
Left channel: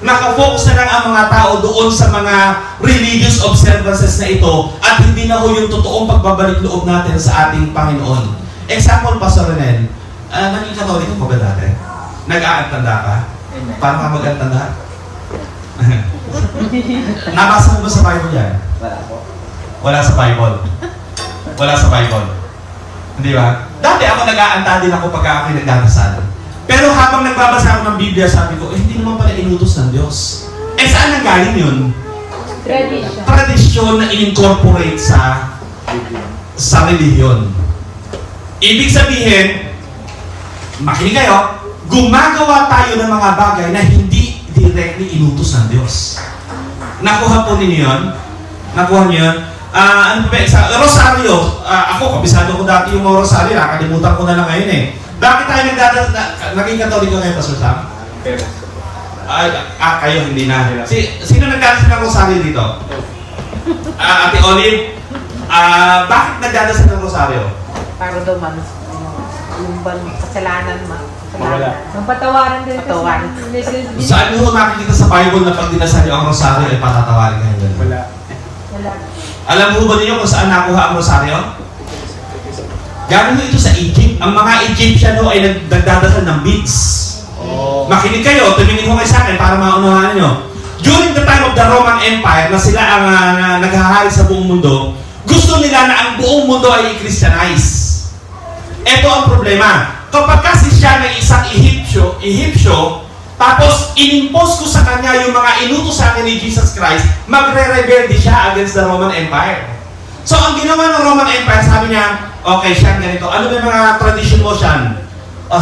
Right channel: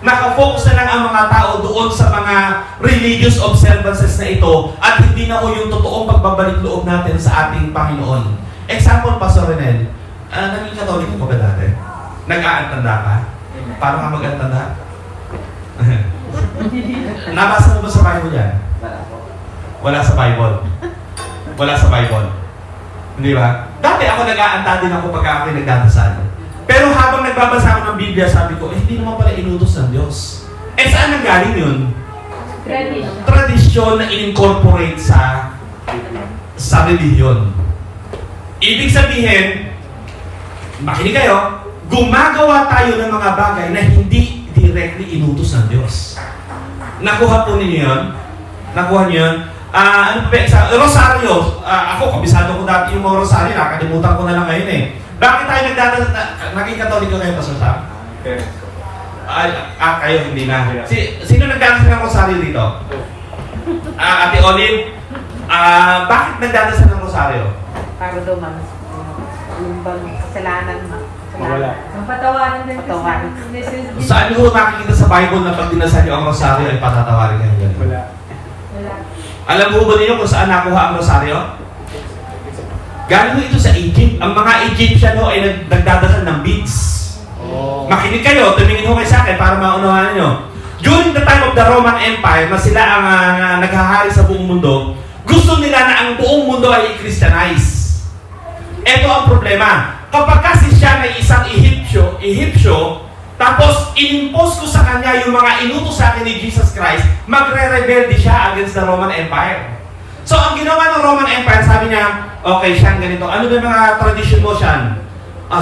Nakafocus na lang ang mga tao doon sa mga religious observances na ito at hindi na ho yung totoong pagbabalik loob natin sa ating Panginoon. Example, Pastor Renel, naging Katoliko ko ba dati? Nag-aantanda ka? Paano ka mag-aantanda? Nabasa mo ba sa Bible yan? Wala sa Bible. Wala sa Bible. Hindi ba? Dati ako nag-aantanda din ako pagka ako'y nagdadasal. Pero habang nagbabasa ako ng Biblia, sabi ko, hindi naman pala inutos ng Diyos. Saan nanggaling yun? Tradition. Tradisyon na in-incorporate sa sa relihiyon. Ibig sabihin, makinig kayo, gumagawa tayo ng mga bagay na hindi directly inutos ng Diyos. Nakuha po ninyo yun? Nakuha niyo yun? Ano ba, sa Rosario, ako, kabisado ko dati yung mga Rosario, nakalimutan ko na lang ngayon eh. Bakit tayo naging Katoliko kayo, Pastor Sam? Kayo, hindi na. Sino nagdadasal ng Rosario dito? Ate Olive, bakit nagdadasal ng Rosario? Para daw man, lumbang kasalanan mo. Wala. Ang patawaran din Patawaran. Saan mo makikita sa Bible na pag dinasal niyo ang Rosario ay patatawarin kayo ganun? Wala. Wala. Alam mo ba ninyo kung saan nakuha ang Rosario? Galing mo ito sa Egypt. Ang mga Egyptian ho ay nagdadasal ng beads. Makinig kayo, tumingin ho kayo sa akin para maunawahan niyo. During the time of the Roman Empire, na sila ang naghahari sa buong mundo, gusto nila na ang buong mundo ay i-Christianize. Ito ang problema. Kapag kasi siya may isang Egyptio, tapos inimpose ko sa kanya yung mga inutos sa akin ni Jesus Christ, magre-rebelde siya against the Roman Empire. So ang ginawa ng Roman Empire, sabi niya, okay, siya ganito. Ano ba yung mga tradition mo siya?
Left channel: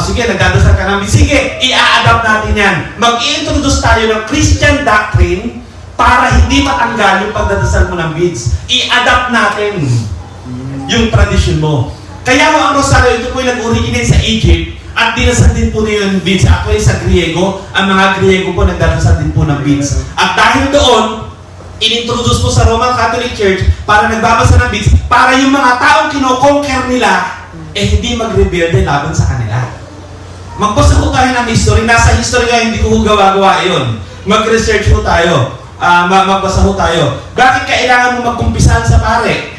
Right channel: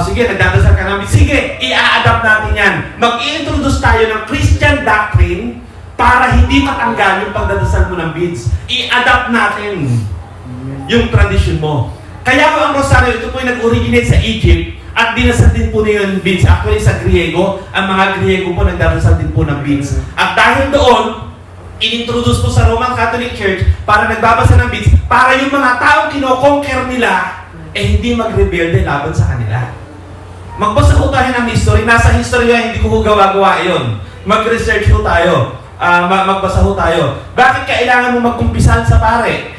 Sige, nagdadasal ka namin. Sige, i-a-adapt natin yan. Mag-i-introduce tayo ng Christian doctrine para hindi matanggal yung pagdadasal mo ng beads. I-adapt natin yung tradition mo. Kaya ang Rosario, ito po yung nag-originate sa Egypt at dinasal din po na yung beads. Actually, sa Griego, ang mga Griego po nagdadasal din po ng beads. At dahil doon, inintroduce po sa Roman Catholic Church para nagbabasa ng beads para yung mga taong kino-conquer nila hindi mag-rebelde laban sa kanila. Magbasa po tayo ng history. Nasa history nga, hindi ko gawa-gawa yun. Mag-research po tayo. Magbasa po tayo. Bakit kailangan mo magkumpisahan sa pare?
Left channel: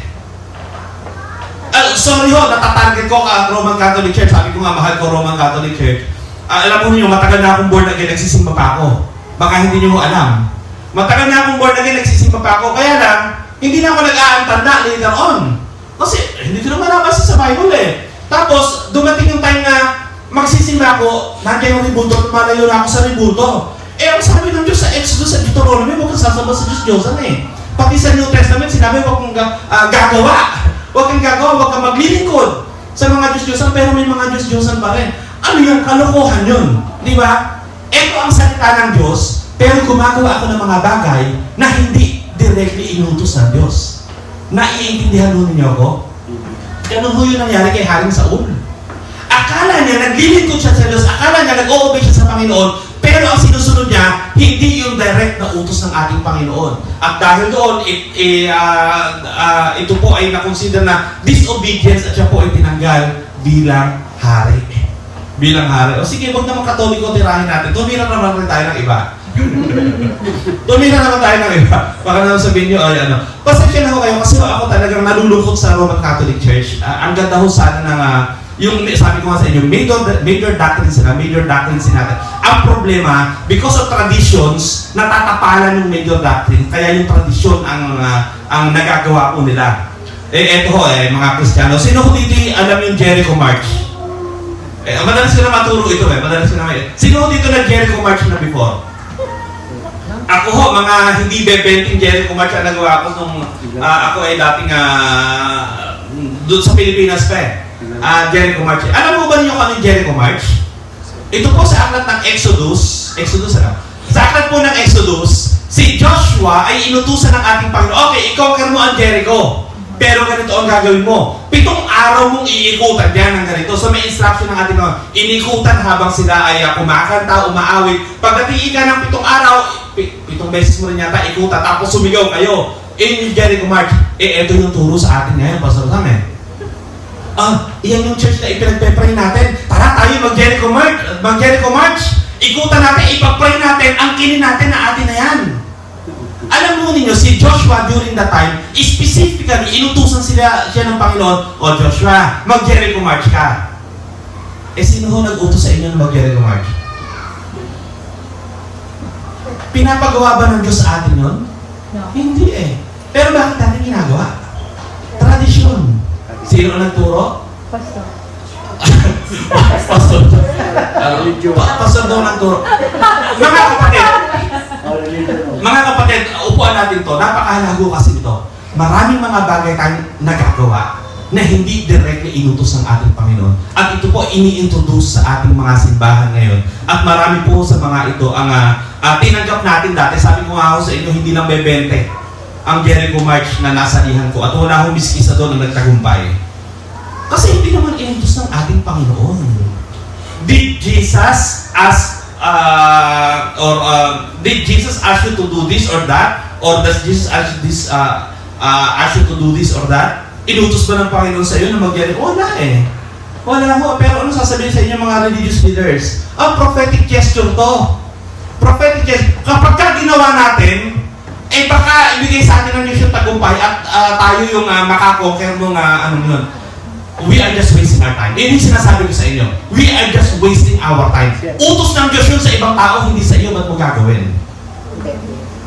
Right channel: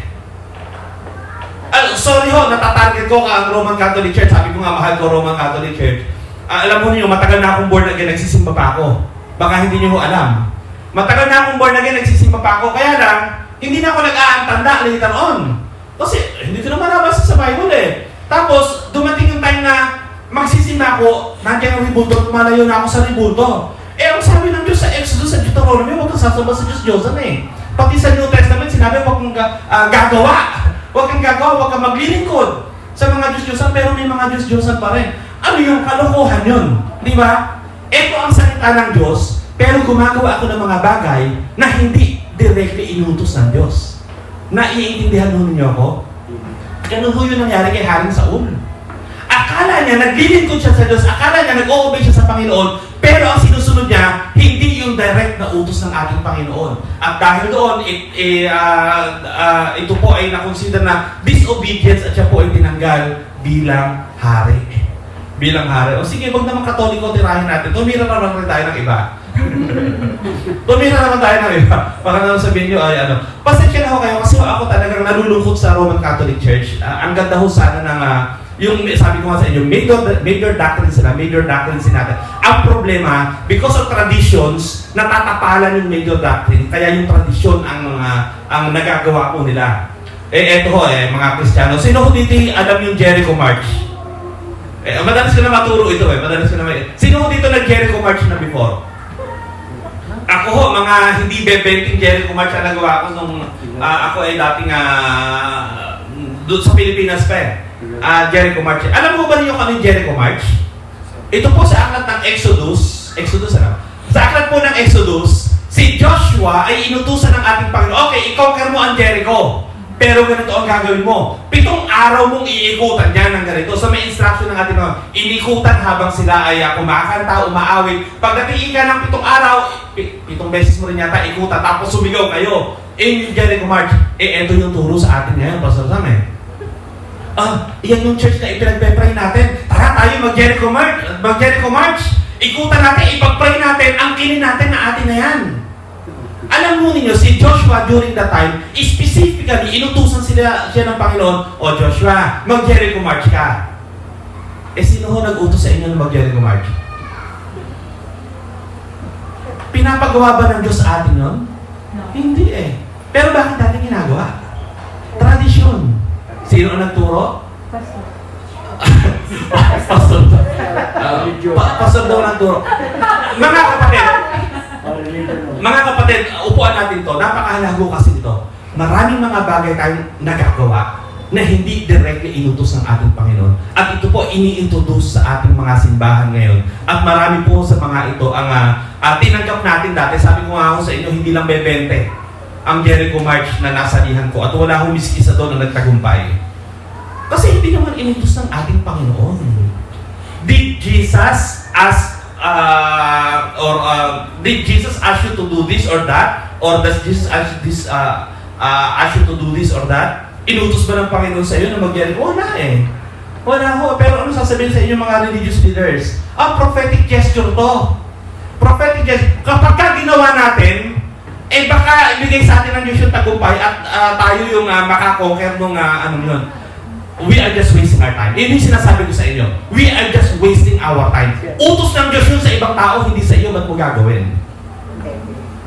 Sorry ho, natatarget ko ang Roman Catholic Church. Sabi ko nga, mahal ko Roman Catholic Church. Alam mo niyo, matagal na akong born again, nagsisimba pa ako. Baka hindi niyo alam. Matagal na akong born again, nagsisimba pa ako. Kaya lang, hindi na ako nag-aantanda later on. Kasi, hindi ko naman nabasa sa Bible eh. Tapos, dumating yung time na magsisimba ako, nandiyan yung ribulto, malayo na ako sa ribulto. Ang sabi ng Diyos sa Exodus, sa Deuteronomy, huwag kang sasamba sa Diyos-Diyosan eh. Pati sa New Testament, sinabi, huwag kang gagawa. Huwag kang gagawa, huwag kang maglilingkod sa mga Diyos-Diyosan, pero may mga Diyos-Diyosan pa rin. Ano yung kalokohan yun? Di ba? Ito ang salita ng Diyos, pero gumagawa ako ng mga bagay na hindi directly inutos ng Diyos. Naiintindihan mo ninyo ako? Ganun ho yung nangyari kay Haring Saul. Akala niya naglilingkod siya sa Diyos, akala niya nag-o-obey siya sa Panginoon, pero ang sinusunod niya, hindi yung direct na utos ng ating Panginoon. At dahil doon, ito po ay na-consider na disobedience at siya po ay tinanggal bilang hari. Bilang hari. O sige, huwag naman Katoliko tirahin natin. Tumira naman tayo ng iba. Tumira naman tayo ng iba. Baka naman sabihin nyo, ay ano. Pasensya na ho kayo kasi ako talagang nalulungkot sa Roman Catholic Church. Ang ganda ho sana ng yung sabi ko nga sa inyo, major doctrines natin. Ang problema, because of traditions, natatapalan yung major doctrine, kaya yung tradisyon ang nagagawa po nila. Eto ho, mga Kristiyano. Sino ho dito alam yung Jericho March? Madalas ko na maturo ito Sino ho dito nag-Jericho March na before? Ako ho, mga hindi bebenting Jericho March ang nagawa ko nung ako ay dating doon sa Pilipinas pa Jericho March. Alam mo ba niyo kung ano yung Jericho March? Ito po sa aklat ng Exodus, sa aklat po ng Exodus, si Joshua ay inutusan ng ating Panginoon, okay, i-conquer mo ang Jericho. Pero ganito ang gagawin mo. 7 araw mong iikutan yan ng ganito. So may instruction ng ating Panginoon. Inikutan habang sila ay kumakanta, umaawit. Pagdating ka ng 7 araw, 7 beses mo rin yata ikutan, tapos sumigaw kayo. In Jericho March. Ito yung turo sa atin ngayon, Pastor Sam iyan yung church na ipinagpe-pray natin. Tara tayo mag-Jericho March. Ikutan natin, ipag-pray natin, ang kinin natin na atin na yan. Alam mo ninyo, si Joshua during that time, specifically, inutusan siya ng Panginoon, O Joshua, mag-Jericho March ka. Sino ho nag-utos sa inyo ng mag-Jericho March? Pinapagawa ba ng Diyos sa atin yun? No. Hindi Pero bakit natin ginagawa? Tradisyon. Sino ang nagturo? Pastor. Pastor. Pastor daw nagturo. Mga kapatid, upuan natin to. Napakahalago kasi ito. Maraming mga bagay tayong nagagawa na hindi directly inutos ng ating Panginoon. At ito po ini-introduce sa ating mga simbahan ngayon. At marami po sa mga ito ang tinanggap natin dati. Sabi ko nga ako sa inyo, hindi lang bebente ang Jericho March na nasalihan ko at wala akong miskisa doon na nagtagumpay. Kasi hindi naman inutos ng ating Panginoon. Did Jesus ask did Jesus ask you to do this or that? Or does Jesus ask you to do this or that? Inutos ba ng Panginoon sa iyo na mag-Jericho? Wala eh. Wala ho. Pero ano sasabihin sa inyo mga religious leaders? Prophetic gesture to. Prophetic gesture. Kapag ka ginawa natin, baka ibigay sa atin ng Diyos yung tagumpay at tayo yung makakonquer ng ano yun. We are just wasting our time. Hindi sinasabi ko sa inyo. We are just wasting our time. Utos ng Diyos yun sa ibang tao, hindi sa iyo. Ba't mo gagawin?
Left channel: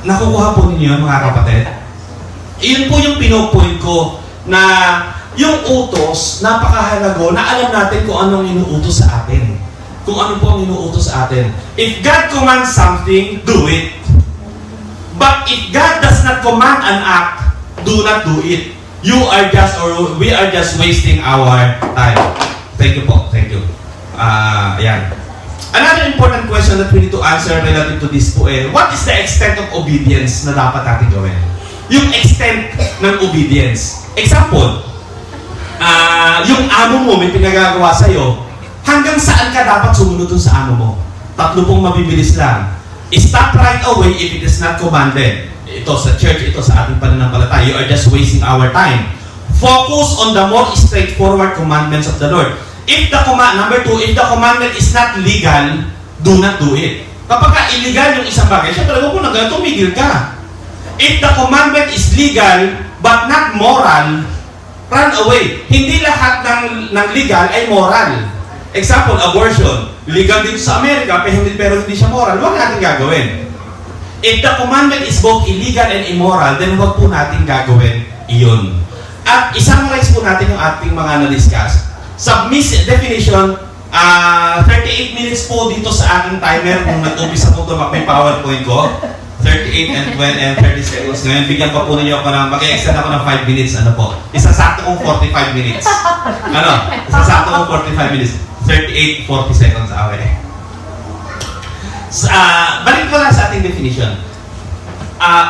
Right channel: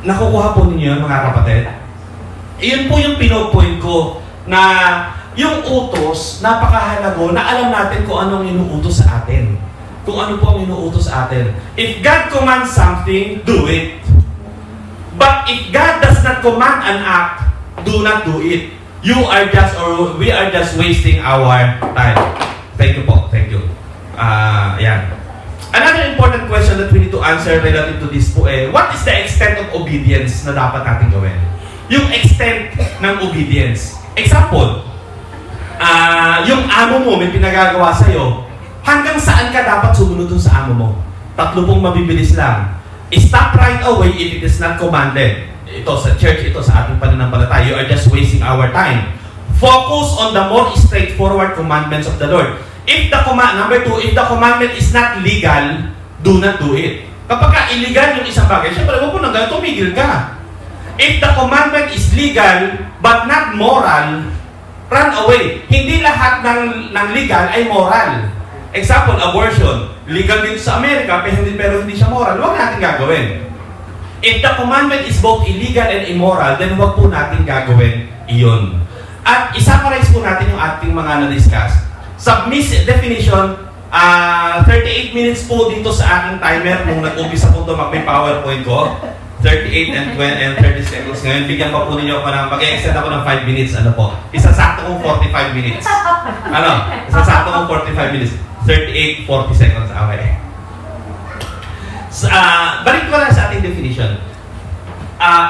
Nakukuha po ninyo yun, mga kapatid? Iyon po yung pinopoint ko na yung utos, napakahalago na alam natin kung anong inuutos sa atin. Kung ano po ang inuutos sa atin. If God commands something, do it. But if God does not command an act, do not do it. You are just, or we are just wasting our time. Thank you po. Thank you. Ayan. Another important question that we need to answer relative to this po what is the extent of obedience na dapat natin gawin? Yung extent ng obedience. Example, yung amo mo may pinagagawa sa'yo, hanggang saan ka dapat sumunod dun sa amo mo? Tatlo pong mabibilis lang. Stop right away if it is not commanded. Ito sa church, ito sa ating pananampalataya. You are just wasting our time. Focus on the more straightforward commandments of the Lord. Number 2, if the commandment is not legal, do not do it. Kapag illegal yung isang bagay, syempre huwag mo na ganun, tumigil ka. If the commandment is legal, but not moral, run away. Hindi lahat ng legal ay moral. Example, abortion. Legal dito sa Amerika, pero hindi siya moral. Huwag natin gagawin. If the commandment is both illegal and immoral, then huwag po natin gagawin iyon. At isummarize po natin yung ating mga na-discuss. Submissive definition, 38 minutes po dito sa aking timer nung nag-umpisa po ito mag-may PowerPoint ko. 38 and 20 and 30 seconds. Ngayon, bigyan pa po ninyo ako ng, mag-extend ako ng 5 minutes, ano po. Isasakto kong 45 minutes. Isasakto kong 45 minutes. 38, 40 seconds. Okay. Balik ko lang sa ating definition.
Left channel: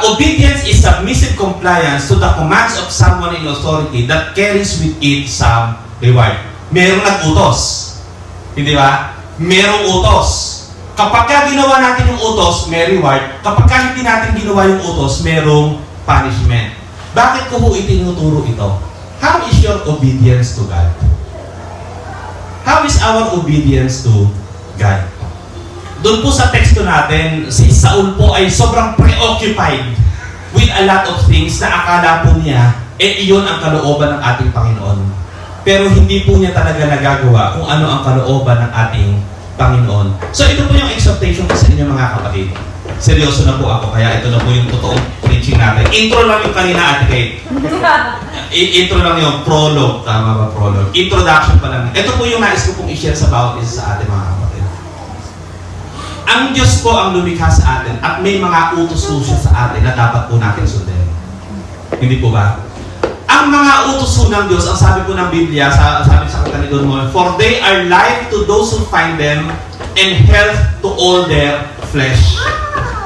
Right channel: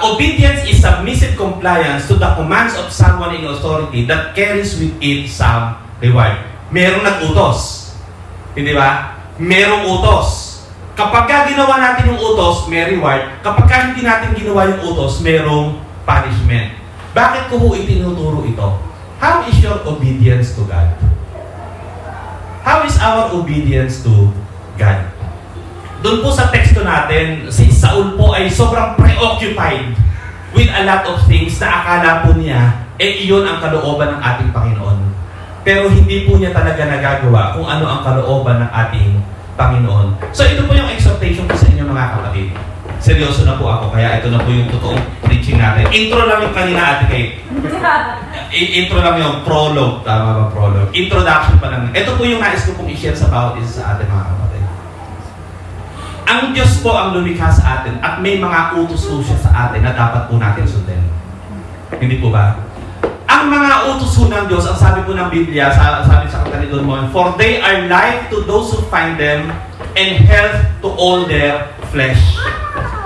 Obedience is submissive compliance to the commands of someone in authority that carries with it some reward. Merong nag-utos. Hindi ba? Merong utos. Kapag ginawa natin yung utos, may reward. Kapag hindi natin ginawa yung utos, merong punishment. Bakit ko po itinuturo ito? How is your obedience to God? How is our obedience to God? Doon po sa teksto natin, si Saul po ay sobrang preoccupied with a lot of things na akala po niya, iyon ang kalooban ng ating Panginoon. Pero hindi po niya talaga nagagawa kung ano ang kalooban ng ating Panginoon. So ito po yung exhortation ko sa inyo mga kapatid. Seryoso na po ako, kaya ito na po yung totoong preaching natin. Intro lang yung kanina, Ate Kate. Intro lang yung prologue. Tama ba prologue? Introduction pa lang. Ito po yung nais ko pong i-share sa bawat isa sa ating mga kapatid. Ang Diyos po ang lumikha sa atin at may mga utos siya sa atin na dapat po natin sundin. Hindi po ba? Ang mga utos ng Diyos, ang sabi po ng Biblia, sabi sa katalidon mo, for they are life to those who find them and health to all their flesh.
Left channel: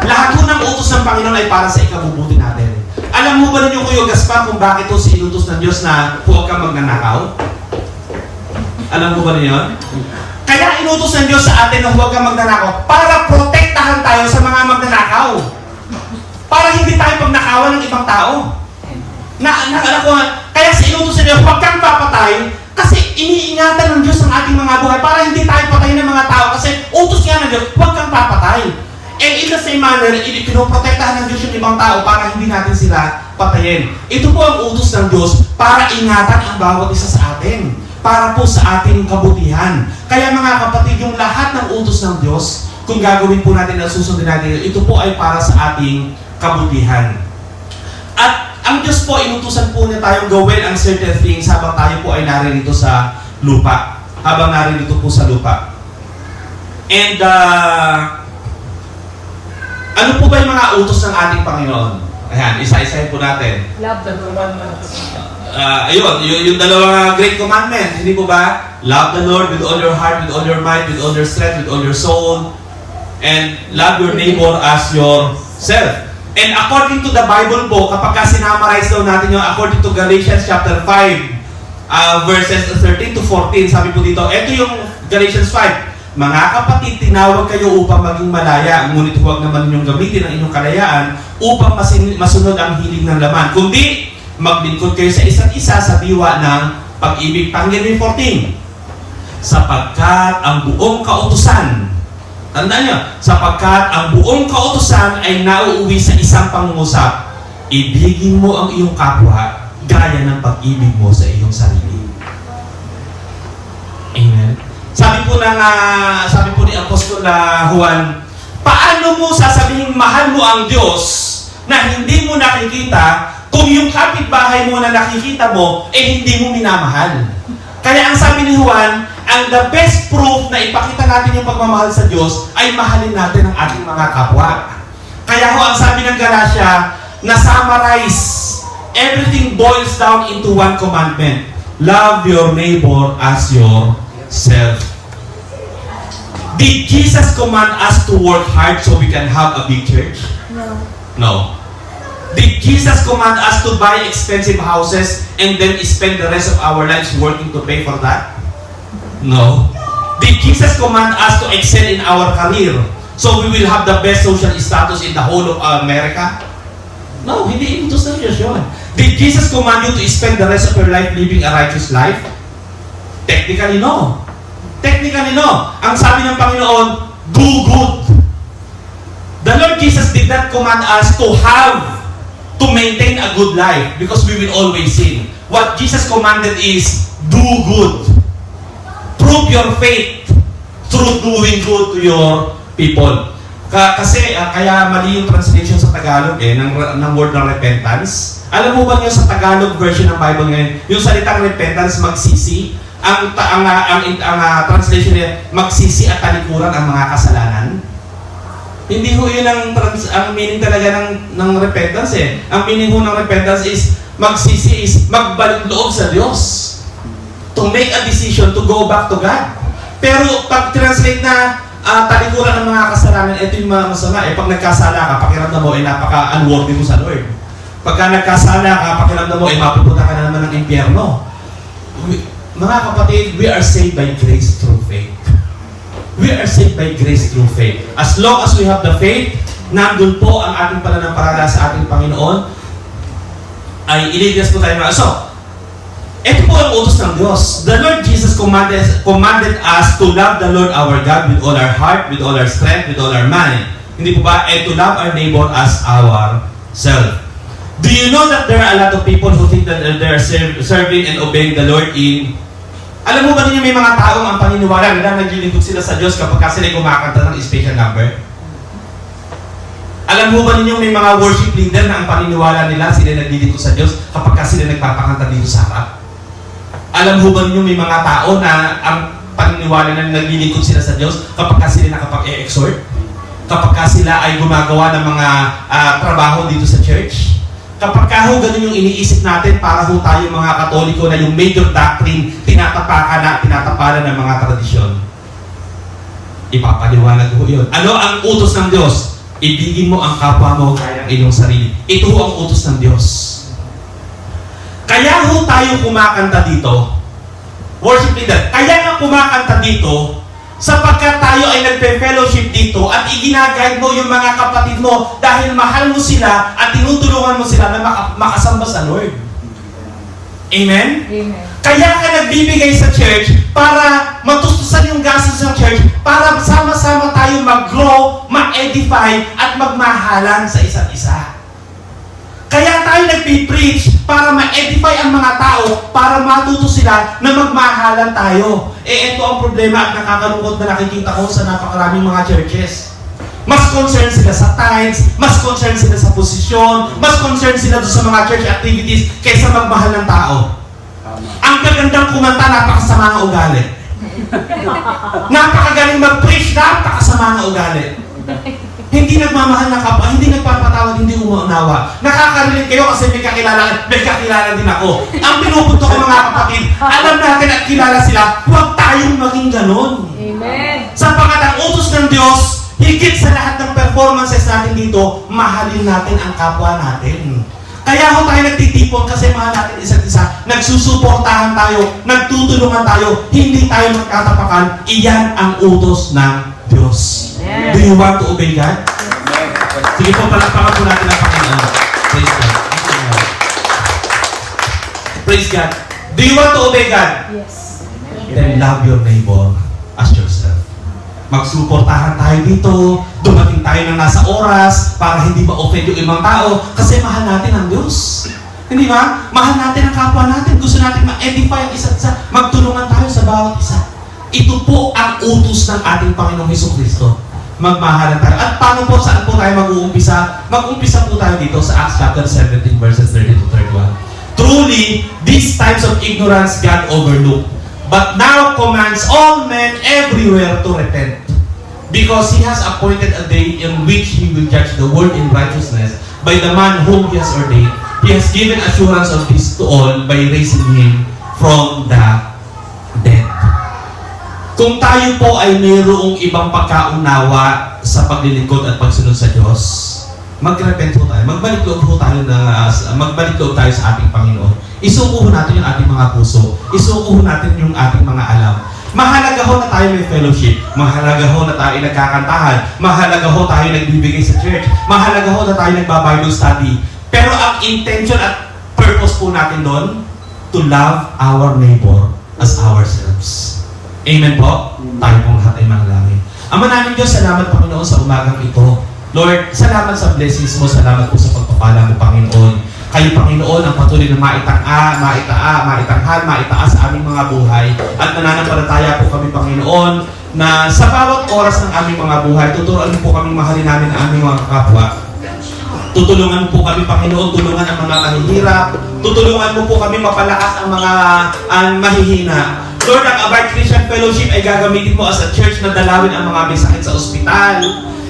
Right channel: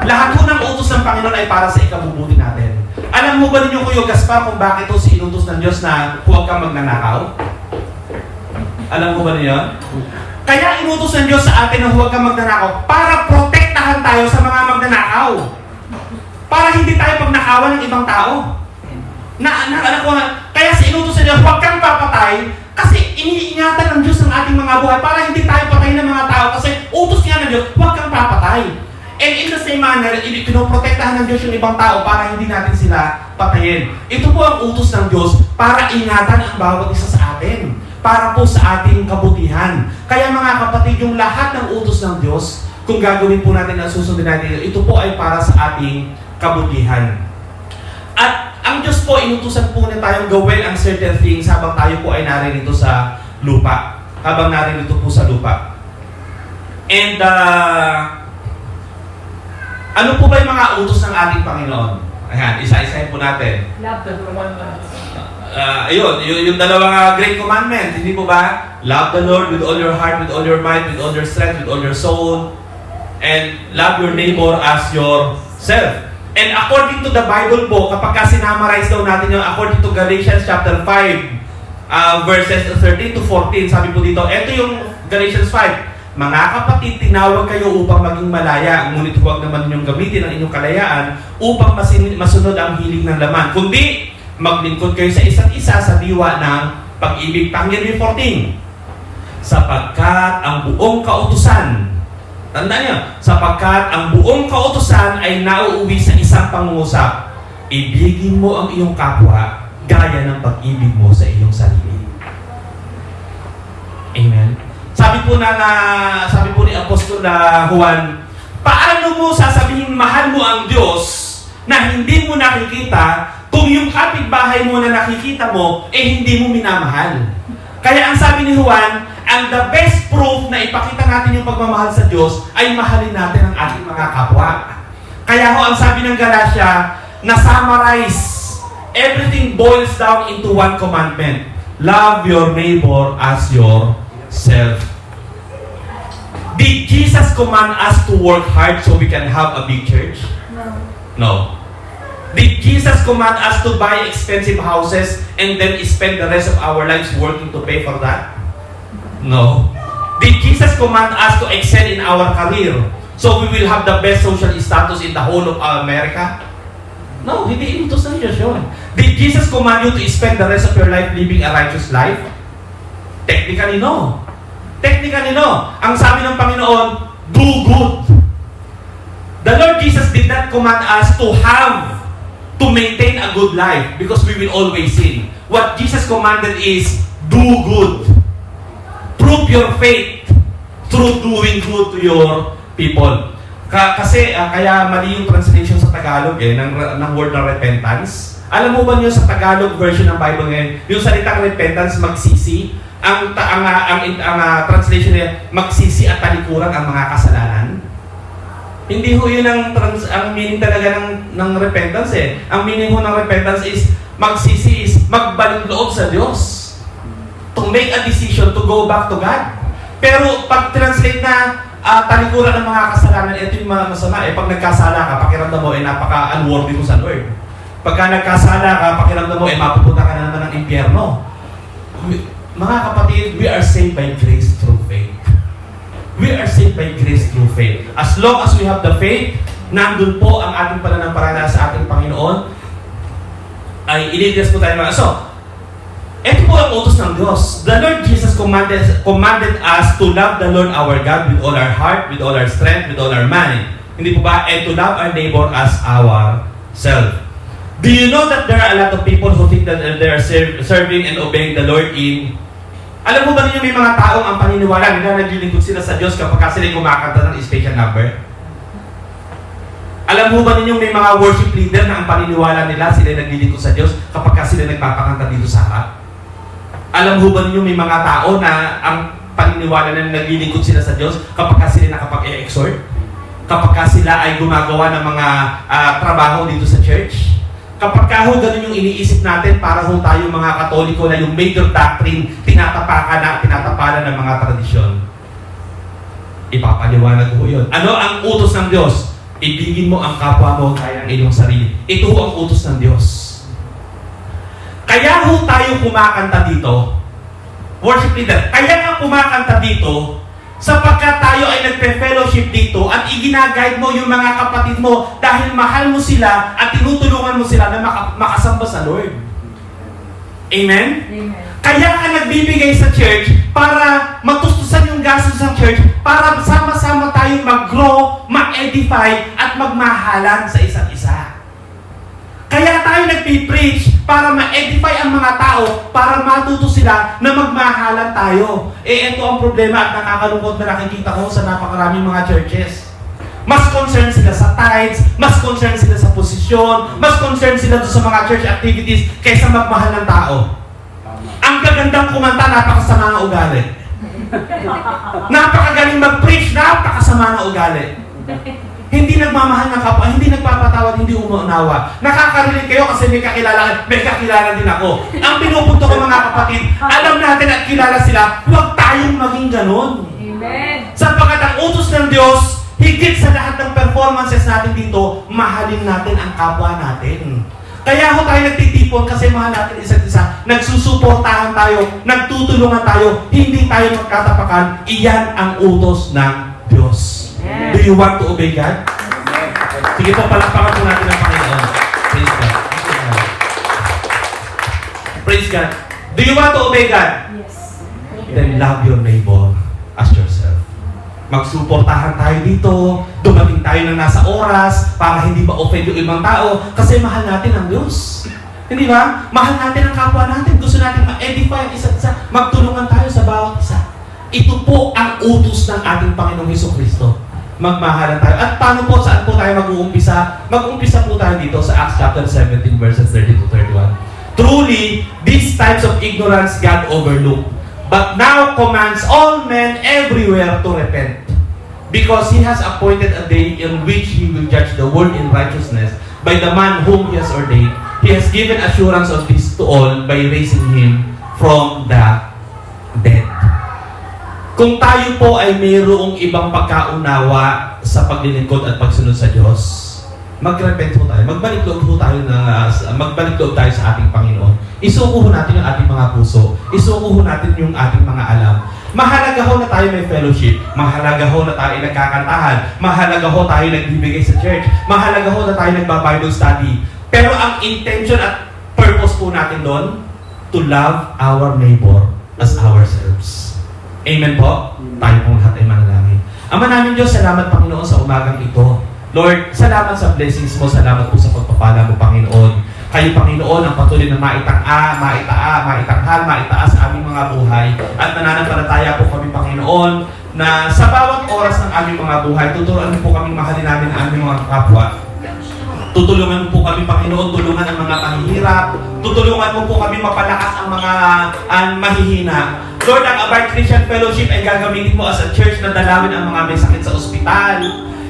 Lahat po ng utos ng Panginoon ay para sa ikabubuti natin. Alam mo ba ninyo, Kuya Gaspar, kung bakit ito sinutos ng Diyos na huwag kang magnanakaw? Alam mo ba ninyo? Kaya inutos ng Diyos sa atin na huwag kang magnanakaw para protektahan tayo sa mga magnanakaw. Para hindi tayo pagnakawan ng ibang tao. Alam ko, kaya sa inutos ng Diyos, huwag kang papatay kasi iniingatan ng Diyos ang ating mga buhay para hindi tayo patayin ng mga tao kasi utos nga ng Diyos, huwag kang papatay. And in the same manner, pinoprotektahan ng Diyos yung ibang tao para hindi natin sila patayin. Ito po ang utos ng Diyos para ingatan ang bawat isa sa atin. Para po sa ating kabutihan. Kaya mga kapatid, yung lahat ng utos ng Diyos, kung gagawin po natin na susundin natin, ito po ay para sa ating kabutihan. At ang Diyos po, inutusan po niya tayong gawin ang certain things habang tayo po ay narinito sa lupa. Habang narinito po sa lupa. And, ano po ba yung mga utos ng ating Panginoon? Ayan, isa-isahin po natin. Love the commandments. Ayun, yung dalawang great commandment, hindi po ba? Love the Lord with all your heart, with all your mind, with all your strength, with all your soul, and love your neighbor as yourself. And according to the Bible po, kapag sinamarize daw natin yung according to Galatians chapter 5, verses 13 to 14, sabi po dito, ito yung Galatians 5, mga kapatid, tinawag kayo upang maging malaya, ngunit huwag naman ninyong gamitin ang inyong kalayaan upang masunod ang hiling ng laman. Kundi, maglingkod kayo sa isa't isa sa diwa ng pag-ibig. Pakinggan niyo 14. Sapagkat ang buong kautusan, tandaan niyo, sapagkat ang buong kautusan ay nauuwi sa isang pangungusap, ibigin mo ang iyong kapwa gaya ng pag-ibig mo sa iyong sarili. Amen. Sabi po ni Apostol Juan, paano mo sasabihin mahal mo ang Diyos na hindi mo nakikita kung yung kapitbahay mo na nakikita mo, hindi mo minamahal? Kaya ang sabi ni Juan, ang the best proof na ipakita natin yung pagmamahal sa Diyos ay mahalin natin ang ating mga kapwa. Kaya ang sabi ng Galatia, na summarize, everything boils down into one commandment. Love your neighbor as yourself. Did Jesus command us to work hard so we can have a big church? No. No. Did Jesus command us to buy expensive houses and then spend the rest of our lives working to pay for that? No. Did Jesus command us to excel in our career so we will have the best social status in the whole of America? No, hindi ito sa Diyos yun. Did Jesus command you to spend the rest of your life living a righteous life? Technically, no. Technically, no. Ang sabi ng Panginoon, do good. The Lord Jesus did not command us to maintain a good life because we will always sin. What Jesus commanded is, do good. Prove your faith through doing good to your people. Kasi kaya mali yung translation sa Tagalog ng word na repentance. Alam mo ba niyo sa Tagalog version ng Bible ngayon, yung salitang repentance, magsisi, ang translation niya, magsisi at talikuran ang mga kasalanan. Hindi ho yun ang meaning talaga ng repentance eh. Ang meaning ho ng repentance is, magsisi is magbalik loob sa Diyos. To make a decision to go back to God. Pero pag translate na talikuran ng mga kasalanan, ito yung mga masama. Pag nagkasala ka, pakiramdam mo, napaka-unworthy mo sa Lord. Pagka nagkasala ka, pakiramdam mo, mapupunta ka na naman ng impyerno. Mga kapatid, we are saved by grace through faith. We are saved by grace through faith. As long as we have the faith, nandun po ang ating pananampalataya sa ating Panginoon, ay ililigtas po tayo na. So, ito po ang utos ng Diyos. The Lord Jesus commanded us to love the Lord our God with all our heart, with all our strength, with all our mind. Hindi po ba? And to love our neighbor as ourselves. Do you know that there are a lot of people who think that they're serving and obeying the Lord in... Alam mo ba ninyo may mga taong ang paniniwala nila naglilingkod sila sa Diyos kapag sila kumakanta ng special number? Alam mo ba ninyo may mga worship leader na ang paniniwala nila sila naglilingkod sa Diyos kapag sila nagpapakanta dito sa harap? Alam mo ba ninyo may mga tao na ang paniniwala nila naglilingkod sila sa Diyos kapag sila nakapag-e-exhort? Kapag sila ay gumagawa ng mga trabaho dito sa church? Kapag ganun yung iniisip natin para ho tayo mga Katoliko na yung major doctrine tinatapakan ng mga tradisyon. Ipapaliwanag ho yun. Ano ang utos ng Diyos? Ibigin mo ang kapwa mo kaya ng iyong sarili. Ito ho ang utos ng Diyos. Kaya ho tayo kumakanta dito, worship leader, kaya nga kumakanta dito, sapagkat tayo ay nagpe-fellowship dito at iginagayad mo yung mga kapatid mo dahil mahal mo sila at tinutulungan mo sila na makasamba sa Lord. Amen? Amen. Kaya ka nagbibigay sa church para matustusan yung gastos sa church para sama-sama tayo mag-grow, ma-edify at magmahalan sa isa't isa. Kaya tayo nagpipreach para ma-edify ang mga tao, para matuto sila na magmahalan tayo. Ito ang problema at nakakalungkot na nakikita ko sa napakaraming mga churches. Mas concerned sila sa tithes, mas concerned sila sa posisyon, mas concerned sila doon sa mga church activities kaysa magmahal ng tao. Ang gagandang kumanta, napakasama ng ugali. Napakagaling mag-preach, napakasama ng ugali. Hindi nagmamahal ng kapwa, hindi nagpapatawad, hindi umuunawa. Nakaka-relate kayo kasi may kakilala din ako. Ang pinupunto ko mga kapatid, alam natin at kilala sila, huwag tayong maging ganon. Amen. Sapagkat ang utos ng Diyos, higit sa lahat ng performances natin dito, mahalin natin ang kapwa natin. Kaya ho tayo nagtitipon kasi mahal natin isa't isa, nagsusuportahan tayo, nagtutulungan tayo, hindi tayo magkatapakan. Iyan ang utos ng Diyos. Yes. Do you want to obey God? Sige po, palakpakan po natin ang Panginoon. Praise God. Praise God. Do you want to obey God? Yes. Then love your neighbor as yourself. Magsuportahan tayo dito, dumating tayo na nasa oras para hindi ma-offend yung ibang tao kasi mahal natin ang Diyos. Hindi ba? Mahal natin ang kapwa natin. Gusto natin ma-edify ang isa't isa. Magtulungan tayo sa bawat isa. Ito po ang utos ng ating Panginoong Hesukristo. Magmahalan tayo. At paano po, saan po tayo mag-uumpisa? Mag-umpisa po tayo dito sa Acts chapter 17 verses 30 to 31. Truly, these types of ignorance God overlooked, but now commands all men everywhere to repent. Because He has appointed a day in which He will judge the world in righteousness by the man whom He has ordained. He has given assurance of this to all by raising Him from the dead. Kung tayo po ay mayroong ibang pagkaunawa sa paglilingkod at pagsunod sa Diyos, mag-repent po tayo. Magbalik loob po tayo sa ating Panginoon. Isuko ho natin yung ating mga puso. Isuko ho natin yung ating mga alam. Mahalaga ho na tayo may fellowship. Mahalaga ho na tayo nagkakantahan. Mahalaga ho tayo nagbibigay sa church. Mahalaga ho na tayo nagba-Bible study. Pero ang intention at purpose po natin doon, to love our neighbor as ourselves. Amen po? Tayo pong lahat ay manalangin. Ama namin Diyos, salamat Panginoon sa umagang ito. Lord, salamat sa blessings mo, salamat po sa pagpapala mo Panginoon. Kayo Panginoon ang patuloy na maitaas sa aming mga buhay. At nananampalataya po kami Panginoon na sa bawat oras ng aming mga buhay, tuturuan mo po kami mahalin namin ang aming mga kapwa. Tutulungan mo po kami Panginoon, tulungan ang mga mahihirap. Tutulungan mo po kami mapalakas ang mga mahihina. Lord, ang Abide Christian Fellowship ay gagamitin mo as a church na dalawin ang mga may sakit sa ospital.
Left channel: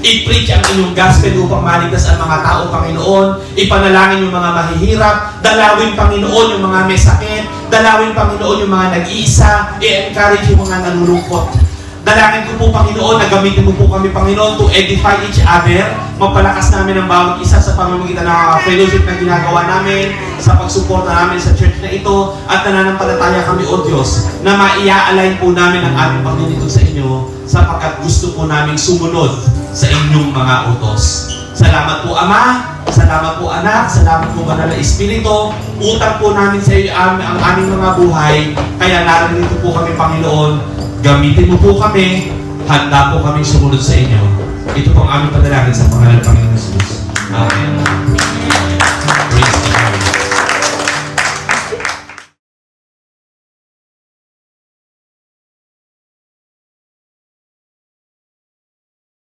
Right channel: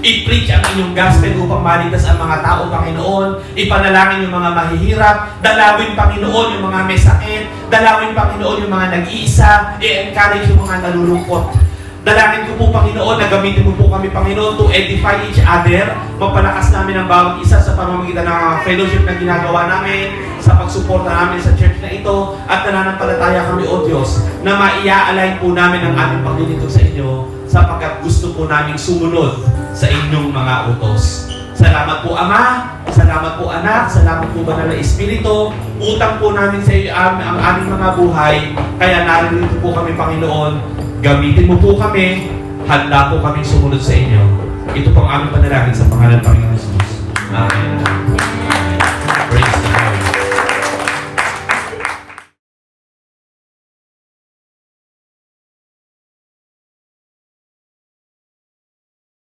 I-preach ang inyong gospel upang maligtas ang mga tao, Panginoon. Ipanalangin yung mga mahihirap. Dalawin, Panginoon, yung mga may sakit. Dalawin, Panginoon, yung mga nag-iisa. I-encourage yung mga nalulungkot. Dalangin ko po, Panginoon, na gamitin mo po kami, Panginoon, to edify each other. Mapalakas namin ang bawat isa sa pamamagitan ng fellowship na ginagawa namin, sa pagsuporta namin sa church na ito, at nananampalataya kami, O Diyos, na maia-align po namin ang aming paglilingkod sa inyo, sapagkat gusto po namin sumunod sa inyong mga utos. Salamat po, Ama. Salamat po, Anak. Salamat po, Banal na Espiritu. Utang po namin sa iyo ang aming mga buhay. Kaya narito po kami, Panginoon. Gamitin mo po kami. Handa po kami sumunod sa inyo. Ito po ang aming panalangin sa pangalan ng Panginoon Jesus. Amen.